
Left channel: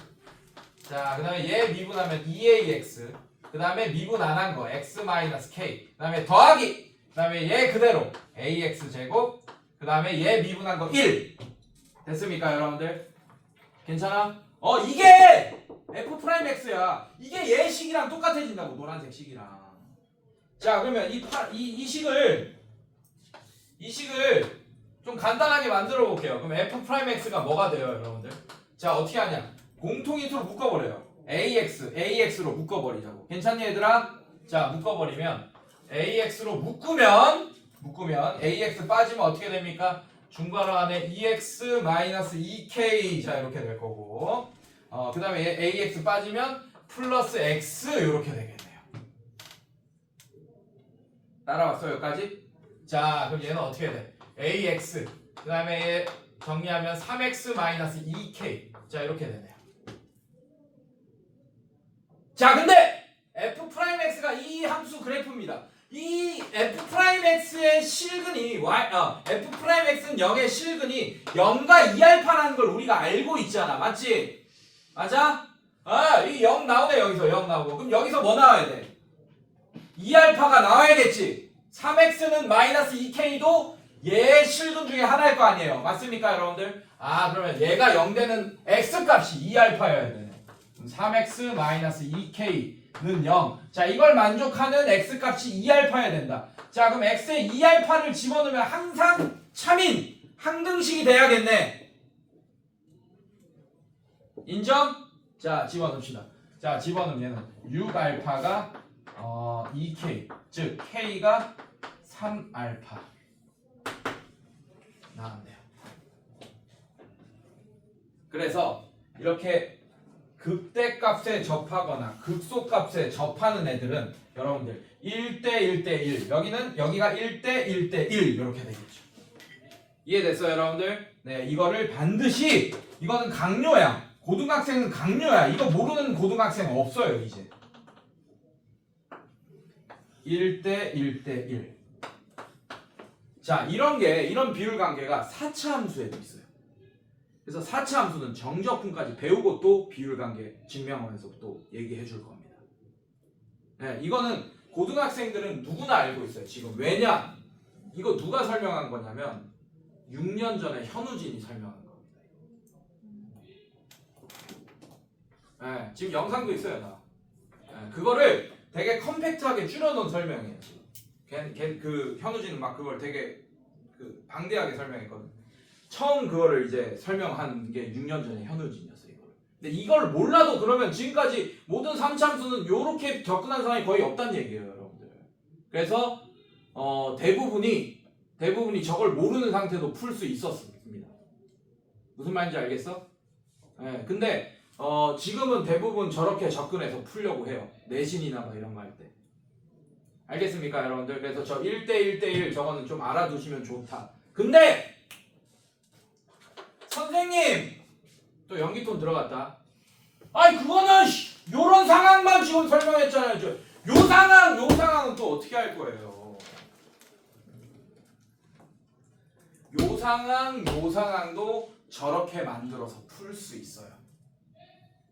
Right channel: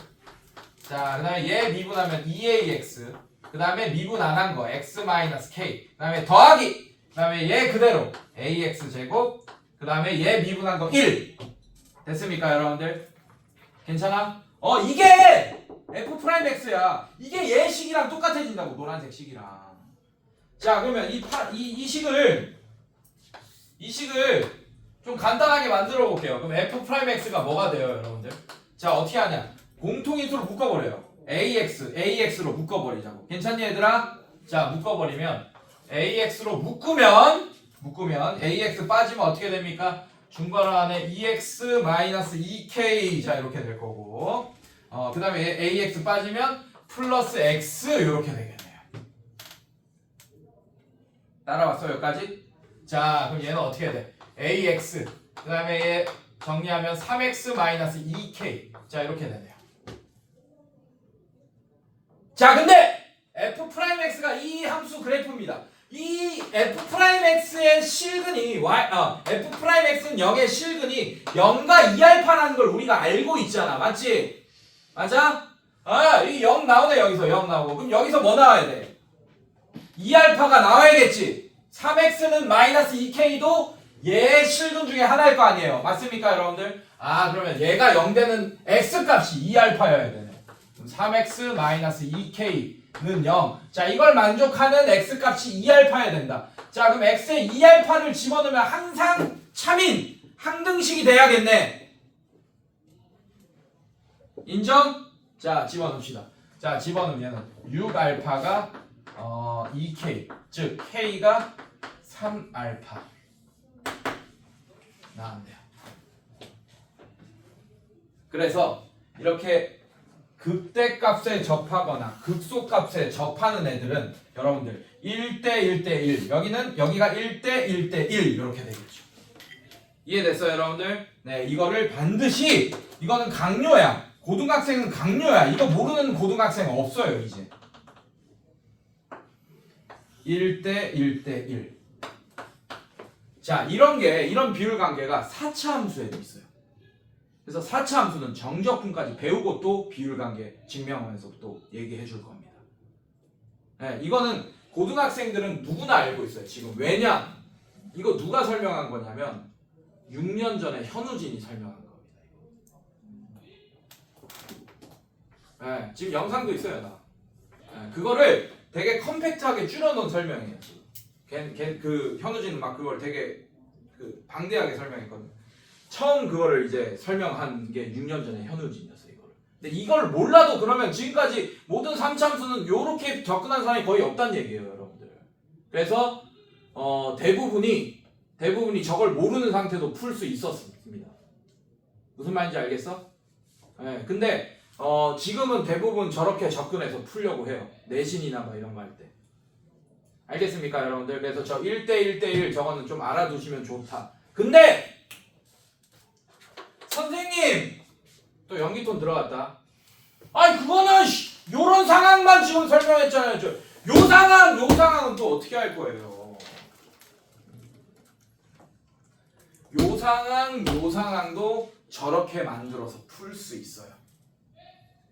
자 그 다음에 얘 미분하면 2ax 그 다음에 미분 안 한 거 x-k 그 다음에 더하기 그 다음에 얘 그대로 ax 제곱 그 다음에 얘 미분한 거 1 됐습니까 여러분들? 괜찮아? 이게 f'x야. 이게 얘 식이랑 똑같아진다고. 노란색 식이랑. 자 그러면 이 식을 좀 간단하게 만들어 볼게요. 그럼 f'x가 뭐가 돼요 여러분들? 자 어떻게 하냐? 공통인수로 묶어버려요. AX로 묶어버리자고. 괜찮니 얘들아? 자 묶어버리면 AX로 묶으면 AX 빠지면 어떻게 됩니까? 중괄호 안에 EX-2K 자 이렇게 될 거고 그 다음에 AX 빠지면 플러스 X 이렇게 되겠네요. 따라왔어 여기까지? 자 그럼 얘는 어떻게 돼? AX 그 다음에 얘 정리하면 3X-2K 자 이렇게 되네요. 자 근데 F'X가 이 함수 그래프입니다. 이 F'X의 실근이 F'X는 0의 실근이 0과 2알파라는 걸 우리가 알고 있잖아. 맞지? 맞아? 이 0 나오네. 여기서 0 나오고. 그럼 여기서 뭐 나와야 돼? 2알파가 나와야겠지. 3x는 마이너스 2k도 얘의 실근 중에 하나일 거 아니에요. 맞습니까 여러분들? 그러면 얘가 0 되는 x값이 2알파여야 되네. 그럼 3x 마이너스 2k는 0. 자 이걸 만족하는 x값이 2알파여야 된다. 자 그럼 x에 2알파를 집어넣으면 항상 참인 항등식이 돼야겠네. 인정? 자 집어넣읍시다. 자 집어넣으면 6알파가 2k 즉 k가 3알파 나왔네요. 그래서 이렇게 극대값에 접하거나 극소값에 접하는 애들은 여러분들 1대 1대 1 여기가 1대 1대 1 이렇게 되겠죠. 이해됐어요 여러분들? 네 이거를 반드시 이거는 강요야. 고등학생은 강요야. 이거 모르는 고등학생 없어요 이제. 1대 1대 1. 자 이런 비율 관계가 4차 함수에도 있어요. 그래서 4차 함수는 정적분까지 배우고 또 비율 관계 증명하면서 또 얘기해 줄 겁니다. 네, 이거는 고등학생들은 누구나 알고 있어요. 지금 왜냐? 이거 누가 설명한 거냐면 6년 전에 현우진이 설명한 겁니다. 네, 지금 영상도 있어요. 나. 네, 그거를 되게 컴팩트하게 줄여놓은 설명이에요. 그 현우진은 막 그걸 되게 방대하게 설명했거든. 처음 그거를 이제 설명한 게 6년 전에 현우진이었어요. 근데 이걸 몰라도 그러면 지금까지 모든 3참수는 이렇게 접근한 사람이 거의 없다는 얘기예요, 여러분들. 그래서 대부분이 저걸 모르는 상태도 풀 수 있었습니다. 무슨 말인지 알겠어? 네, 근데 지금은 대부분 저렇게 접근해서 풀려고 해요. 내신이나 뭐 이런 거 할 때. 알겠습니까, 여러분들? 그래서 저 1대 1대 1 저거는 좀 알아두시면 좋다. 근데 선생님 또 연기톤 들어갔다. 아니 그거는 요런 상황만 지금 설명했잖아요. 요 상황은 또 어떻게 할 거예요? 요 상황도 저렇게 만들어서 풀 수 있어요.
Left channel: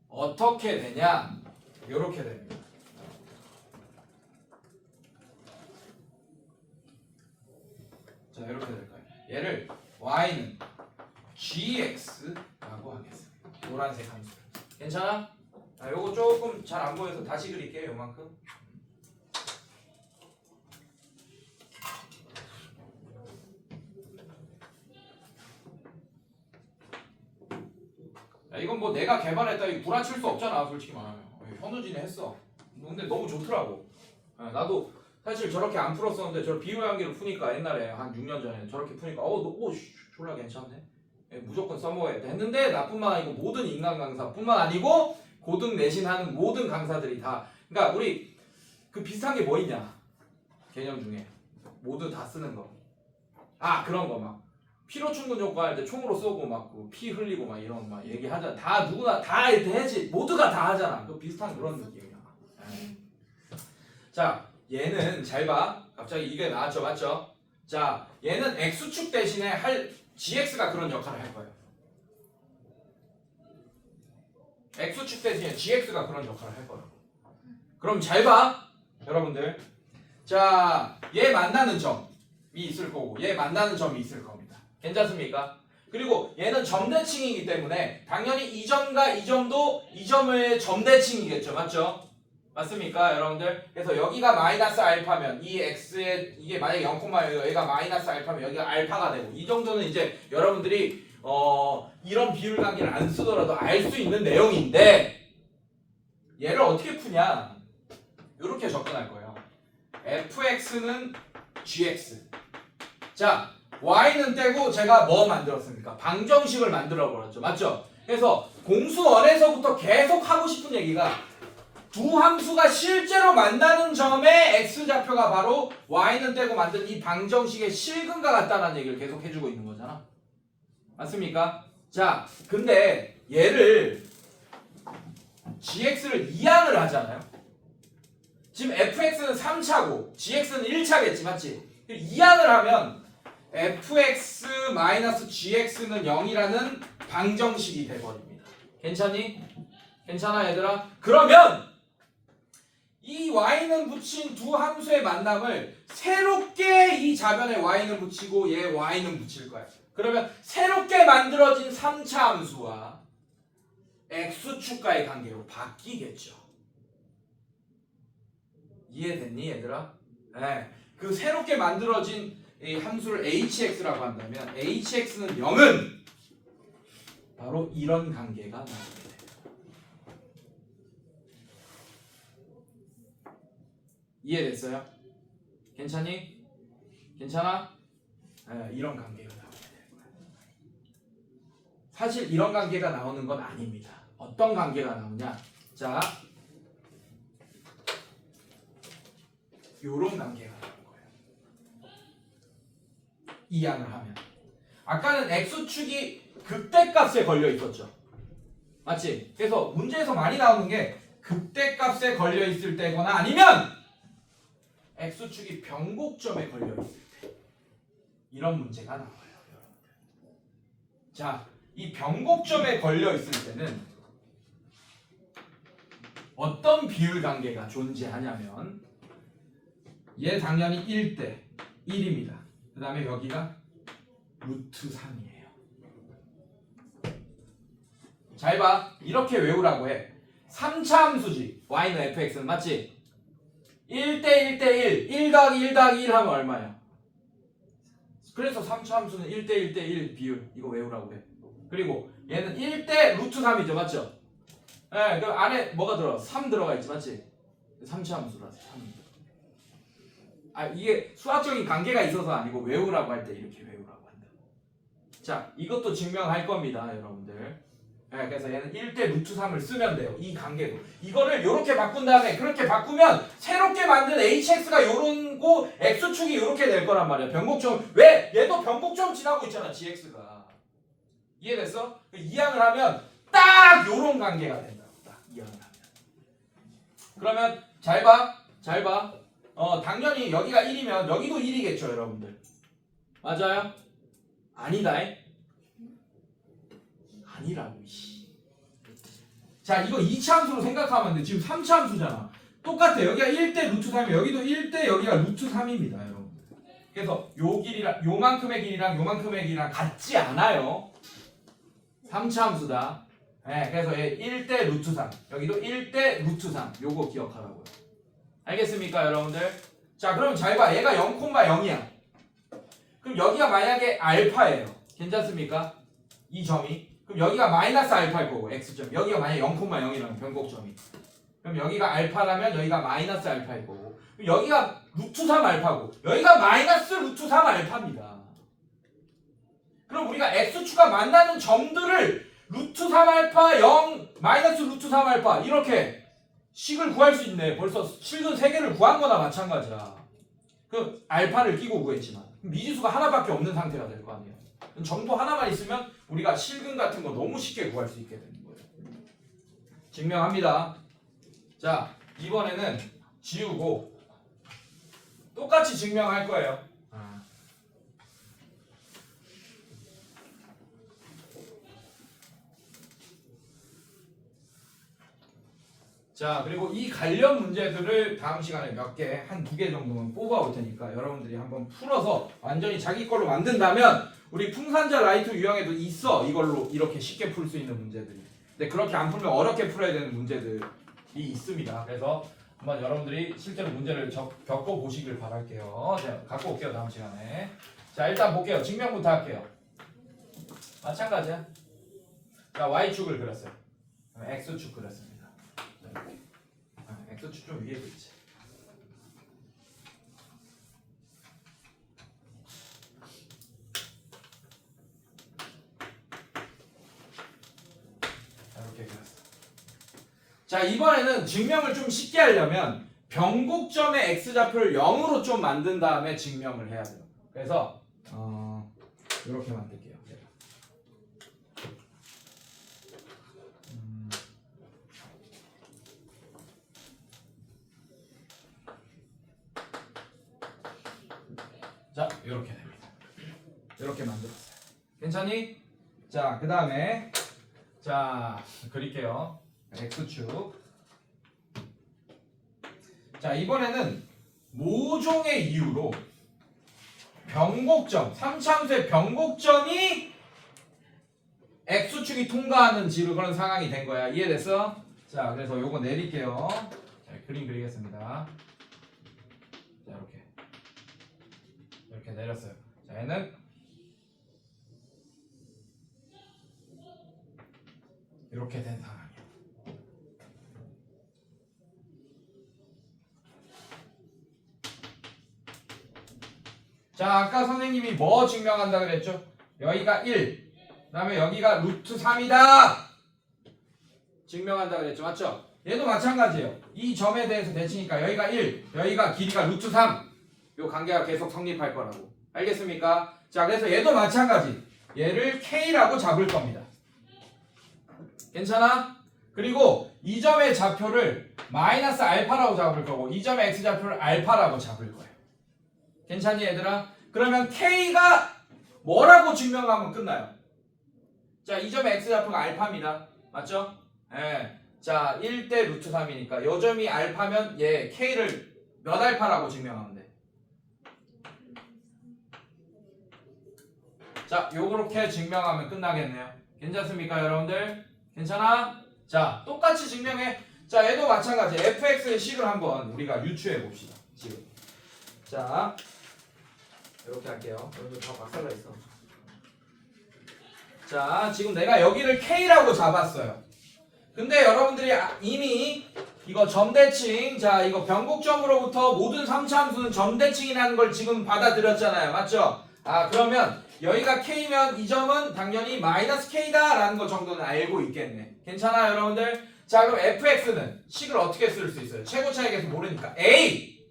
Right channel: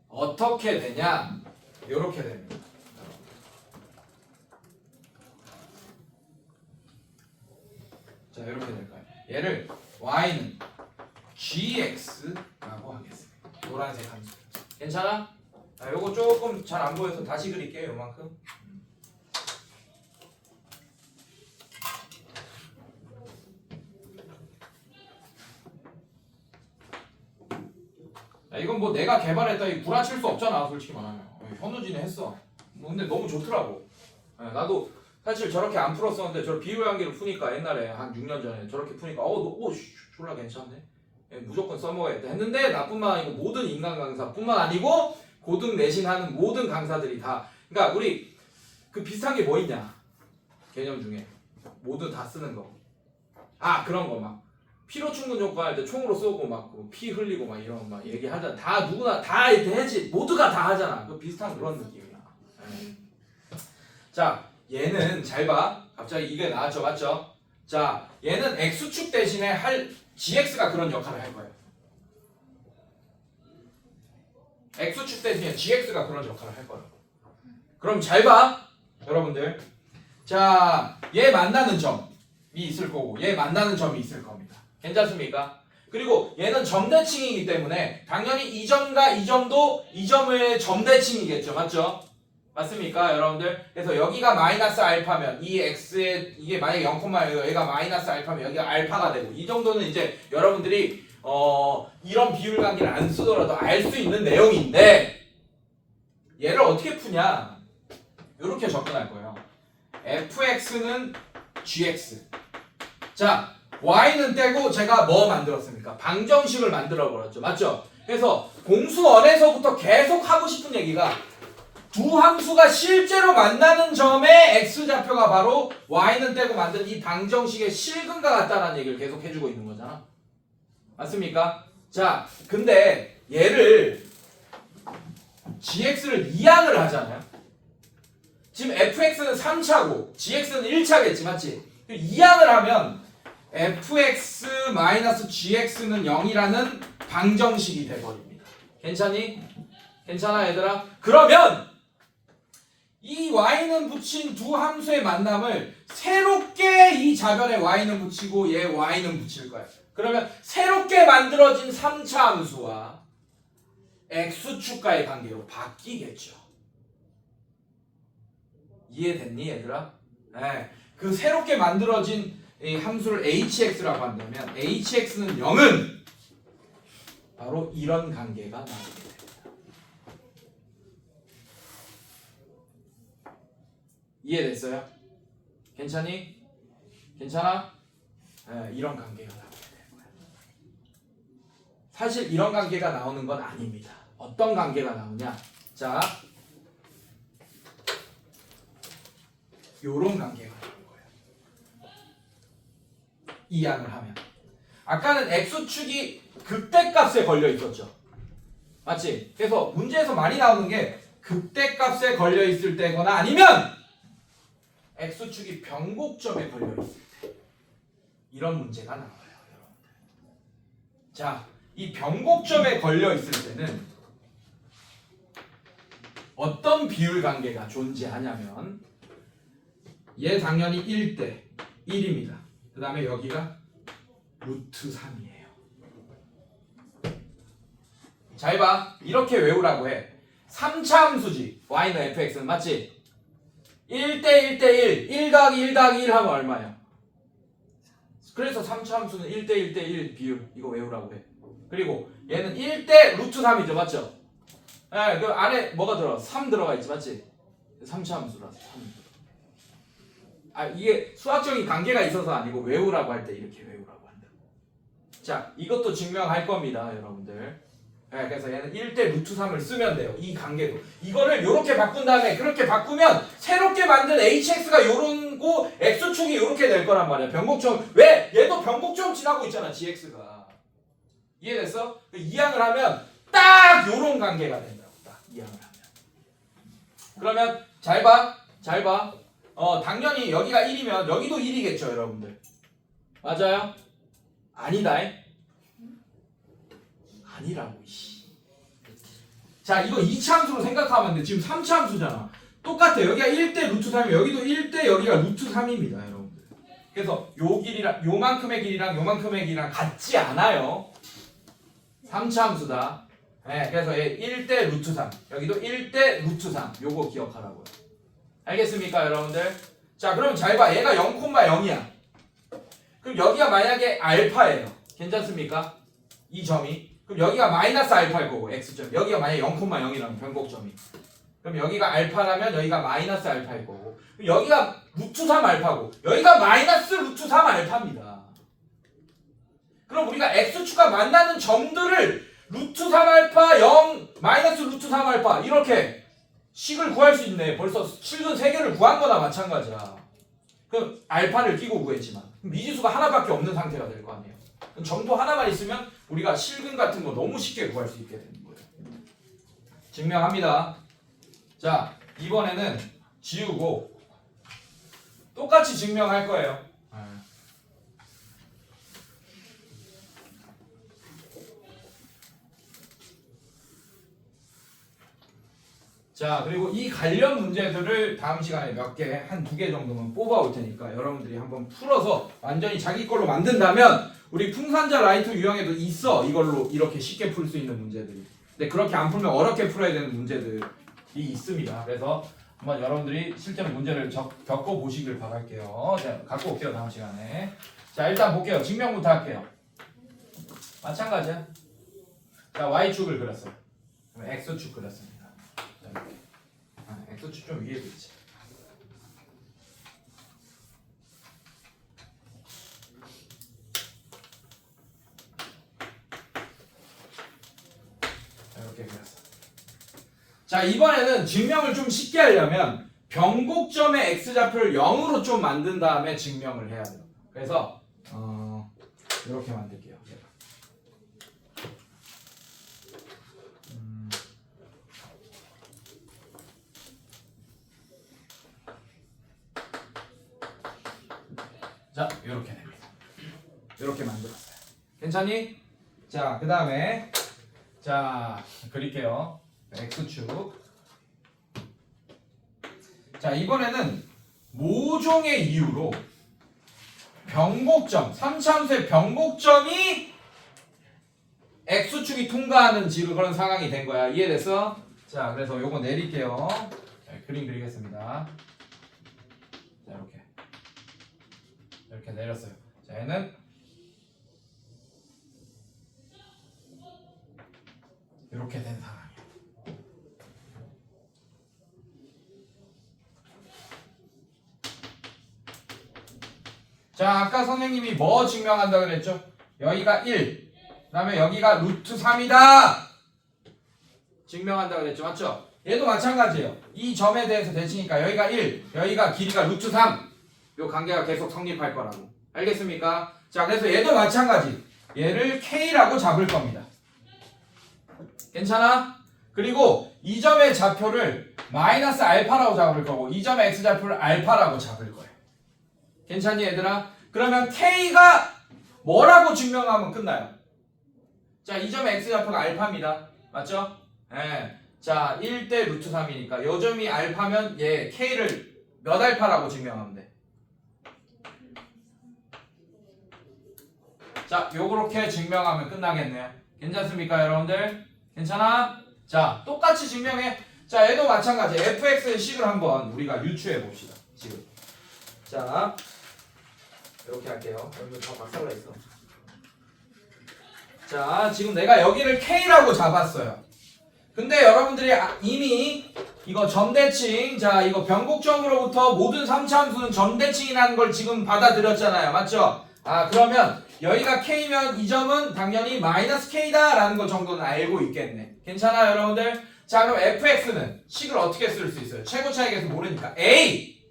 어떻게 되냐? 요렇게 됩니다. 자 이렇게 될까요? 얘를 y는 gx라고 하겠습니다. 노란색 함수. 괜찮아? 요거 조금 잘 안 보여서 다시 그릴게요. 요만큼. 이건 뭐 내가 개발했다 이 구라칠 수 없잖아. 솔직히 말하면. 현우진이 했어. 근데 너무 좋더라고. 나도 사실 저렇게 안 풀었었는데 저 비율 관계를 푸니까 옛날에 한 6년 전에 저렇게 푸니까 졸라 괜찮네. 무조건 써먹어야겠다 했는데 나뿐만 아니고 모든 인간 강사뿐만 아니고 고등 내신하는 모든 강사들이 다 그러니까 우리 그 비슷한 게 뭐 있냐 개념 중에 모두 다 쓰는 거 그런 거 막 피로 충분 조건 할 때 총으로 쏘고 막 피 흘리고 막 이런 막 얘기하잖아. 다 누구나 다 이렇게 해지 모두가 다 하잖아. 그 비슷한 그런 느낌이야. 자 얘는 잘 봐. 갑자기 이게 나왔죠, 맞죠? 자 얘는 x축 대신에 gx가 그런 역할을 할 거예요. x축 대신에 gx가 그런 역할을 할 거예요. 그럼 잘 봐, 여러분들. 자, 얘 만나는 점이 있을 거고, 얘 만나는 점이 있을 겁니다. 괜찮습니까? 그리고 얘는 점대칭이기 때문에 당연히 이 점과 이 점도 이 점의 점대칭이겠죠, 맞죠? 맞습니까, 여러분들? 그래서 여기가 마이너스 알파면 이 x에 이게 만약에 0,1 얘가 마이너스 알파면 여기가 알파가 되고 이 정도는 이제 여러분들이 이런 비율 관계를 안 쓰더라도 알 수 있는 내용인데 얘를 어떻게 푸냐? 이렇게 접근할 거예요. fx는 gx. 자, y는 떼고 제가 뭐 만들었습니까? 방정식을 만들어 버렸죠. 맞죠? 그래서 공수원에서부터 계속 하고 싶은 얘기가 두 함수가 실제로 만나는 점의 x좌표가 바로 y는 떼고 만든 이 방정식의 실근과 같다는 얘기를 계속 해주고 있는 거잖아. 맞습니까? 자, 근데 얘를 gx를 이항을 하잖아요. 지금 fx는 3차고 gx는 1차겠지, 맞지? 이항을 하면 fx-gx는 0이라는 방정식이 돼버립니다. 괜찮니? 괜찮아 얘들아? 그러면 이 y는 붙인 두 함수의 만남을 새롭게 이 좌변에 y는 붙이고 얘 y는 붙일 거야. 그러면 새롭게 만들어진 3차 함수와 x축과의 관계로 바뀌겠죠. 이해됐니 얘들아? 네. 그 새롭게 만들어진 이 함수를 hx라고 한다면 hx는 0은 바로 이런 관계가 나오게 됩니다. 이해됐어요? 괜찮니? 괜찮아? 네, 이런 관계가 나오게 되는 거야. 사실 이런 관계가 나오는 건 아닙니다. 어떤 관계가 나오냐? 자, 요런 관계가 나오는 거예요. 이항을 하면. 아까는 x축이 극대값에 걸려 있었죠. 맞지? 그래서 문제에서 많이 나오는 게 극대값에 걸려 있을 때거나 아니면 x축이 변곡점에 걸려 있을 때 이런 문제가 나와요, 여러분들. 자, 이 변곡점에 걸려 있을 때는 어떤 비율 관계가 존재하냐면 얘 당연히 1대 1입니다. 그 다음에 여기가 루트 3이에요. 잘 봐. 이렇게 외우라고 해. 3차 함수지. y는 fx는 맞지? 1대 1대 1. 1 더하기 1 더하기 1 하면 얼마야? 그래서 3차 함수는 1대 1대 1 비율. 이거 외우라고 해. 그리고 얘는 1대 루트 3이죠. 맞죠? 네, 그 안에 뭐가 들어? 3 들어가 있지. 맞지? 3차 함수라서 3. 아, 이게 수학적인 관계가 있어서 아니고 외우라고 할 때 이렇게 외우라고 한다. 자, 이것도 증명할 겁니다, 여러분들. 네, 그래서 얘는 1대 루트 3을 쓰면 돼요. 이 관계도. 이거를 이렇게 바꾼 다음에 그렇게 바꾸면 새롭게 만든 hx가 요런 거 x축이 이렇게 될 거란 말이야. 변곡점. 왜? 얘도 변곡점 지나고 있잖아, gx가. 이해됐어? 이항을 하면 딱 요런 관계가 된다고. 딱 이항을 하면. 그러면 잘 봐. 잘 봐. 당연히 여기가 1이면 여기도 1이겠죠, 여러분들. 맞아요? 아니다. 아니라고. 자, 이거 2차 함수로 생각하면 돼. 지금 3차 함수잖아. 똑같아. 여기가 1대 루트 3이면 여기도 1대 여기가 루트 3입니다, 여러분들. 그래서 요 길이랑 요만큼의 길이랑 요만큼의 길이랑 같지 않아요. 3차 함수다. 네, 그래서 얘 1대 루트 3. 여기도 1대 루트 3. 요거 기억하라고요. 알겠습니까, 여러분들? 자, 그럼 잘 봐. 얘가 0,0이야. 그럼 여기가 만약에 알파예요. 괜찮습니까? 이 점이. 그럼 여기가 마이너스 알파일 거고, x점. 여기가 만약에 0,0이라면 변곡점이. 그럼 여기가 알파라면 여기가 마이너스 알파일 거고. 여기가 루트 3 알파고, 여기가 마이너스 루트 3 알파입니다. 그럼 우리가 x축과 만나는 점들을 루트 3 알파 0 마이너스 루트 3 알파 이렇게 식을 구할 수 있네. 벌써 실근 3개를 구한 거나 마찬가지야. 그럼 알파를 끼고 구했지만 미지수가 하나밖에 없는 상태가 될 거 아니에요. 점도 하나만 있으면 우리가 실근 같은 거 너무 쉽게 구할 수 있게 되는 거예요. 증명합니다. 자, 이번에는 지우고 똑같이 증명할 거예요. 자, 그리고 이 관련 문제들을 다음 시간에 몇 개, 한 2개 정도만 뽑아올 테니까 여러분들이 한번 풀어서 완전히 자기 걸로 만든다면 우리 풍산자 라이트 유형에도 있어. 이걸로 이렇게 쉽게 풀 수 있는 문제들이. 근데 그렇게 안 풀면 어렵게 풀어야 되는 문제들이 있습니다. 그래서 한번 여러분들이 실제로 문제를 겪어보시길 바랄게요. 자, 갖고 올게요, 다음 시간에. 자, 일단 볼게요. 증명부터 할게요. 마찬가지야. 자, Y축을 그렸어요. 그럼 X축 그렸습니다. 자, 이렇게. 좀 위에도 있지. 이렇게 그렸어. 자, 이번에는 증명을 좀 쉽게 하려면 변곡점의 x좌표를 0으로 좀 만든 다음에 증명을 해야 돼요. 그래서 이렇게 만들게요. 자, 이렇게 됩니다. 이렇게 만들었어요. 괜찮니? 자, 그 다음에 자, 그릴게요. x축. 자, 이번에는 모종의 이유로 변곡점, 3차함수의 변곡점이 x축이 통과하는 그런 상황이 된 거야. 이해됐어? 자, 그래서 요거 내릴게요. 자, 그림 그리겠습니다. 자, 이렇게 내렸어요. 자, 얘는 이렇게 된 상황이야. 자, 아까 선생님이 뭐 증명한다 그랬죠? 여기가 1, 그 다음에 여기가 루트 3이다 증명한다 그랬죠? 맞죠? 얘도 마찬가지예요. 이 점에 대해서 대칭이니까 여기가 1, 여기가 길이가 루트 3, 요 관계가 계속 성립할 거라고. 알겠습니까? 자, 그래서 얘도 마찬가지. 얘를 K라고 잡을 겁니다. 괜찮아? 그리고 이 점의 좌표를 마이너스 알파라고 잡을 거고 이 점의 x좌표를 알파라고 잡을 거예요. 괜찮니 얘들아? 그러면 K가 뭐라고 증명하면 끝나요? 자, 이 점의 x좌표가 알파입니다. 맞죠? 예. 자, 1대 루트 3이니까 요 점이 알파면 얘 K를 몇 알파라고 증명하면 돼? 자, 요렇게 증명하면 끝나겠네요. 괜찮습니까 여러분들? 괜찮아? 자, 똑같이 증명해. 자, 얘도 마찬가지. fx의 식을 한번 우리가 유추해 봅시다. 지금. 자, 이렇게 할게요. 여기 다 박살나 있어. 자, 지금 내가 여기를 K라고 잡았어요. 근데 여러분들이 이미 이거 점대칭, 자, 이거 변곡점으로부터 모든 3차 함수는 점대칭이라는 걸 지금 받아들였잖아요. 맞죠? 아, 그러면 여기가 K면 이 점은 당연히 마이너스 K다 라는 거 정도는 알고 있겠네. 괜찮아요 여러분들? 자, 그럼 fx는 식을 어떻게 쓸 수 있어요? 최고 차익에서 모르니까 a,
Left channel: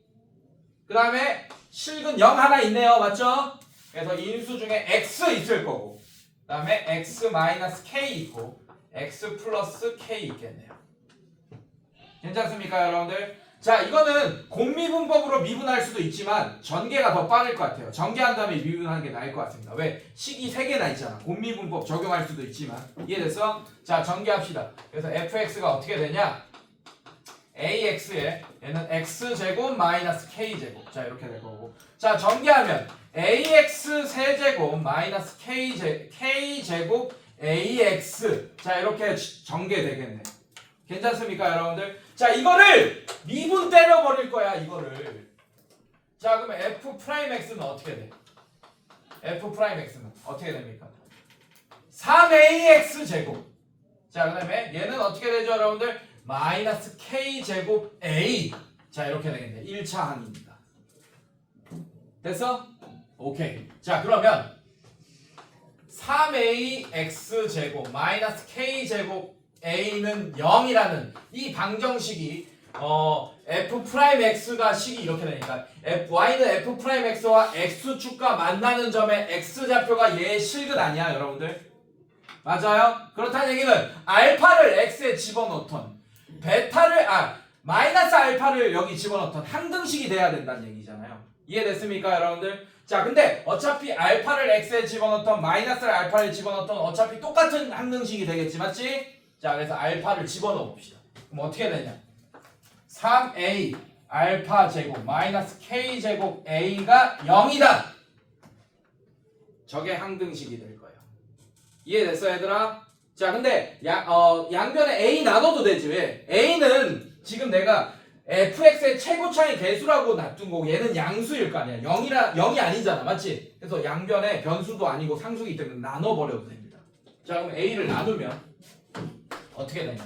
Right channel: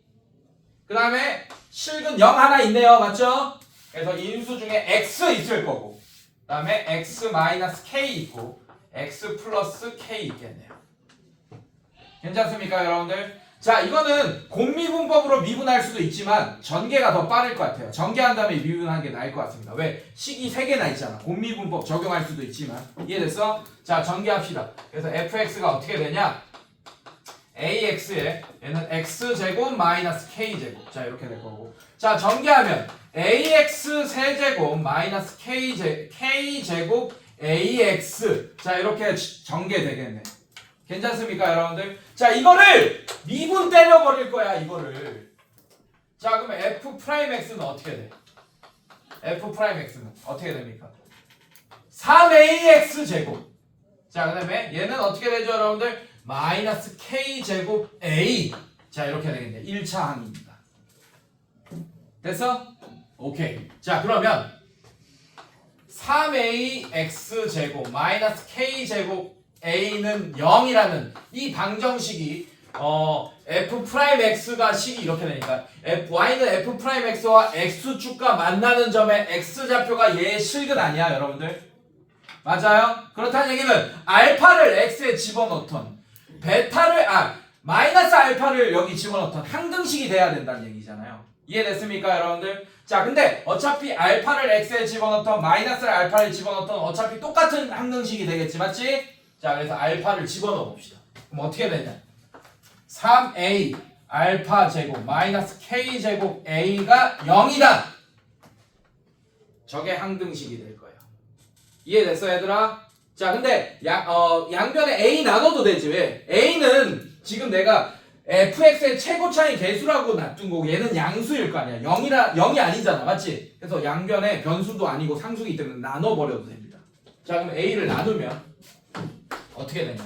그 다음에 식은 0 하나 있네요. 맞죠? 그래서 인수 중에 x 있을 거고 그 다음에 x 마이너스 k 있고 x 플러스 k 있겠네요. 괜찮습니까 여러분들? 자, 이거는 곱미분법으로 미분할 수도 있지만 전개가 더 빠를 것 같아요. 전개한 다음에 미분하는 게 나을 것 같습니다. 왜? 식이 3개나 있잖아. 곱미분법 적용할 수도 있지만. 이해됐어? 자, 전개합시다. 그래서 fx가 어떻게 되냐? ax에 얘는 x제곱 마이너스 k제곱. 자, 이렇게 될 거고. 자, 전개하면 ax 세제곱 마이너스 k제곱 ax. 자, 이렇게 전개되겠네. 괜찮습니까 여러분들? 자, 이거를 미분 때려버릴 거야 이거를. 자, 그러면 f'x는 어떻게 돼? f'x는 어떻게 됩니까? 3ax 제곱. 자, 그 다음에 얘는 어떻게 되죠 여러분들? 마이너스 k제곱 a. 자, 이렇게 되겠네. 1차 항입니다. 됐어? 오케이. 자, 그러면 3ax 제곱 마이너스 k제곱 a는 0이라는 이 방정식이 f'x가 식이 이렇게 되니까 y는 f'x와 x축과 만나는 점의 x좌표가 얘의 실근 아니야 여러분들? 맞아요? 그렇다는 얘기는 알파를 x에 집어넣던 마이너스 알파를 여기 집어넣던 항등식이 돼야 된다는 얘기잖아요. 이해됐습니까 여러분들? 자, 근데 어차피 알파를 x에 집어넣던 마이너스 알파를 집어넣던 어차피 똑같은 항등식이 되겠지, 맞지? 자, 그래서 알파를 집어넣어 봅시다. 그럼 어떻게 되냐? 3a 알파 제곱 마이너스 k 제곱 a가 0이다. 저게 항등식이 될 거예요. 이해됐어 얘들아? 자, 근데 양변에 a 나눠도 되지. 왜? a는 지금 내가 fx의 최고 차이 개수라고 놔둔 거고 얘는 양수일 거 아니야. 0이 아니잖아. 맞지? 그래서 양변에 변수도 아니고 상수이기 때문에 나눠버려도 됩니다. 자, 그럼 a를 나누면 어떻게 되냐?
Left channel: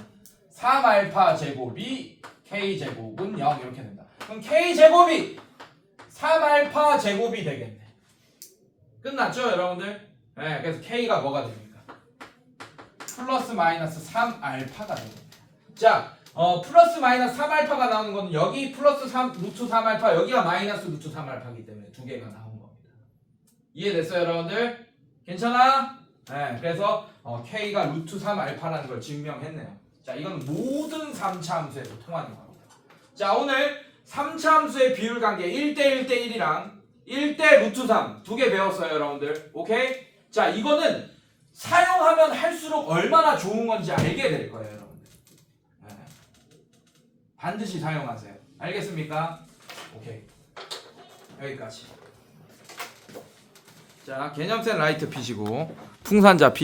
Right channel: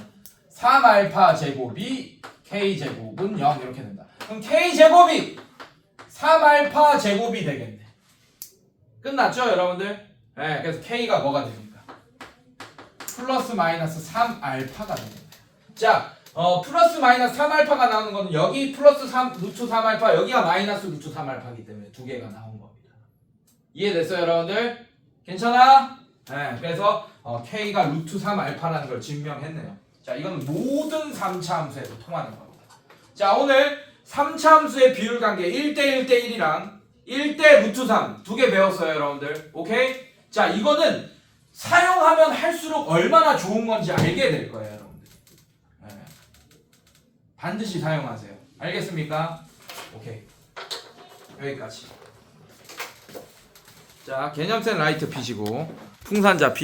3알파 제곱이 K제곱은 0 이렇게 된다. 그럼 K제곱이 3알파 제곱이 되겠네. 끝났죠 여러분들? 네, 그래서 K가 뭐가 됩니까? 플러스 마이너스 3알파가 됩니다. 자, 플러스 마이너스 3알파가 나오는 거는 여기 플러스 3, 루트 3알파, 여기가 마이너스 루트 3알파이기 때문에 두 개가 나온 겁니다. 이해됐어요 여러분들? 괜찮아? 네, 그래서 K가 루트 3알파라는 걸 증명했네요. 자, 이건 모든 3차 함수에도 통하는 겁니다. 자, 오늘 3차 함수의 비율 관계 1대 1대 1이랑 1대 루트 3 두 개 배웠어요 여러분들. 오케이? 자, 이거는 사용하면 할수록 얼마나 좋은 건지 알게 될 거예요 여러분들. 네. 반드시 사용하세요. 알겠습니까? 오케이. 여기까지. 자, 개념센 라이트 피시고 풍산자 피시고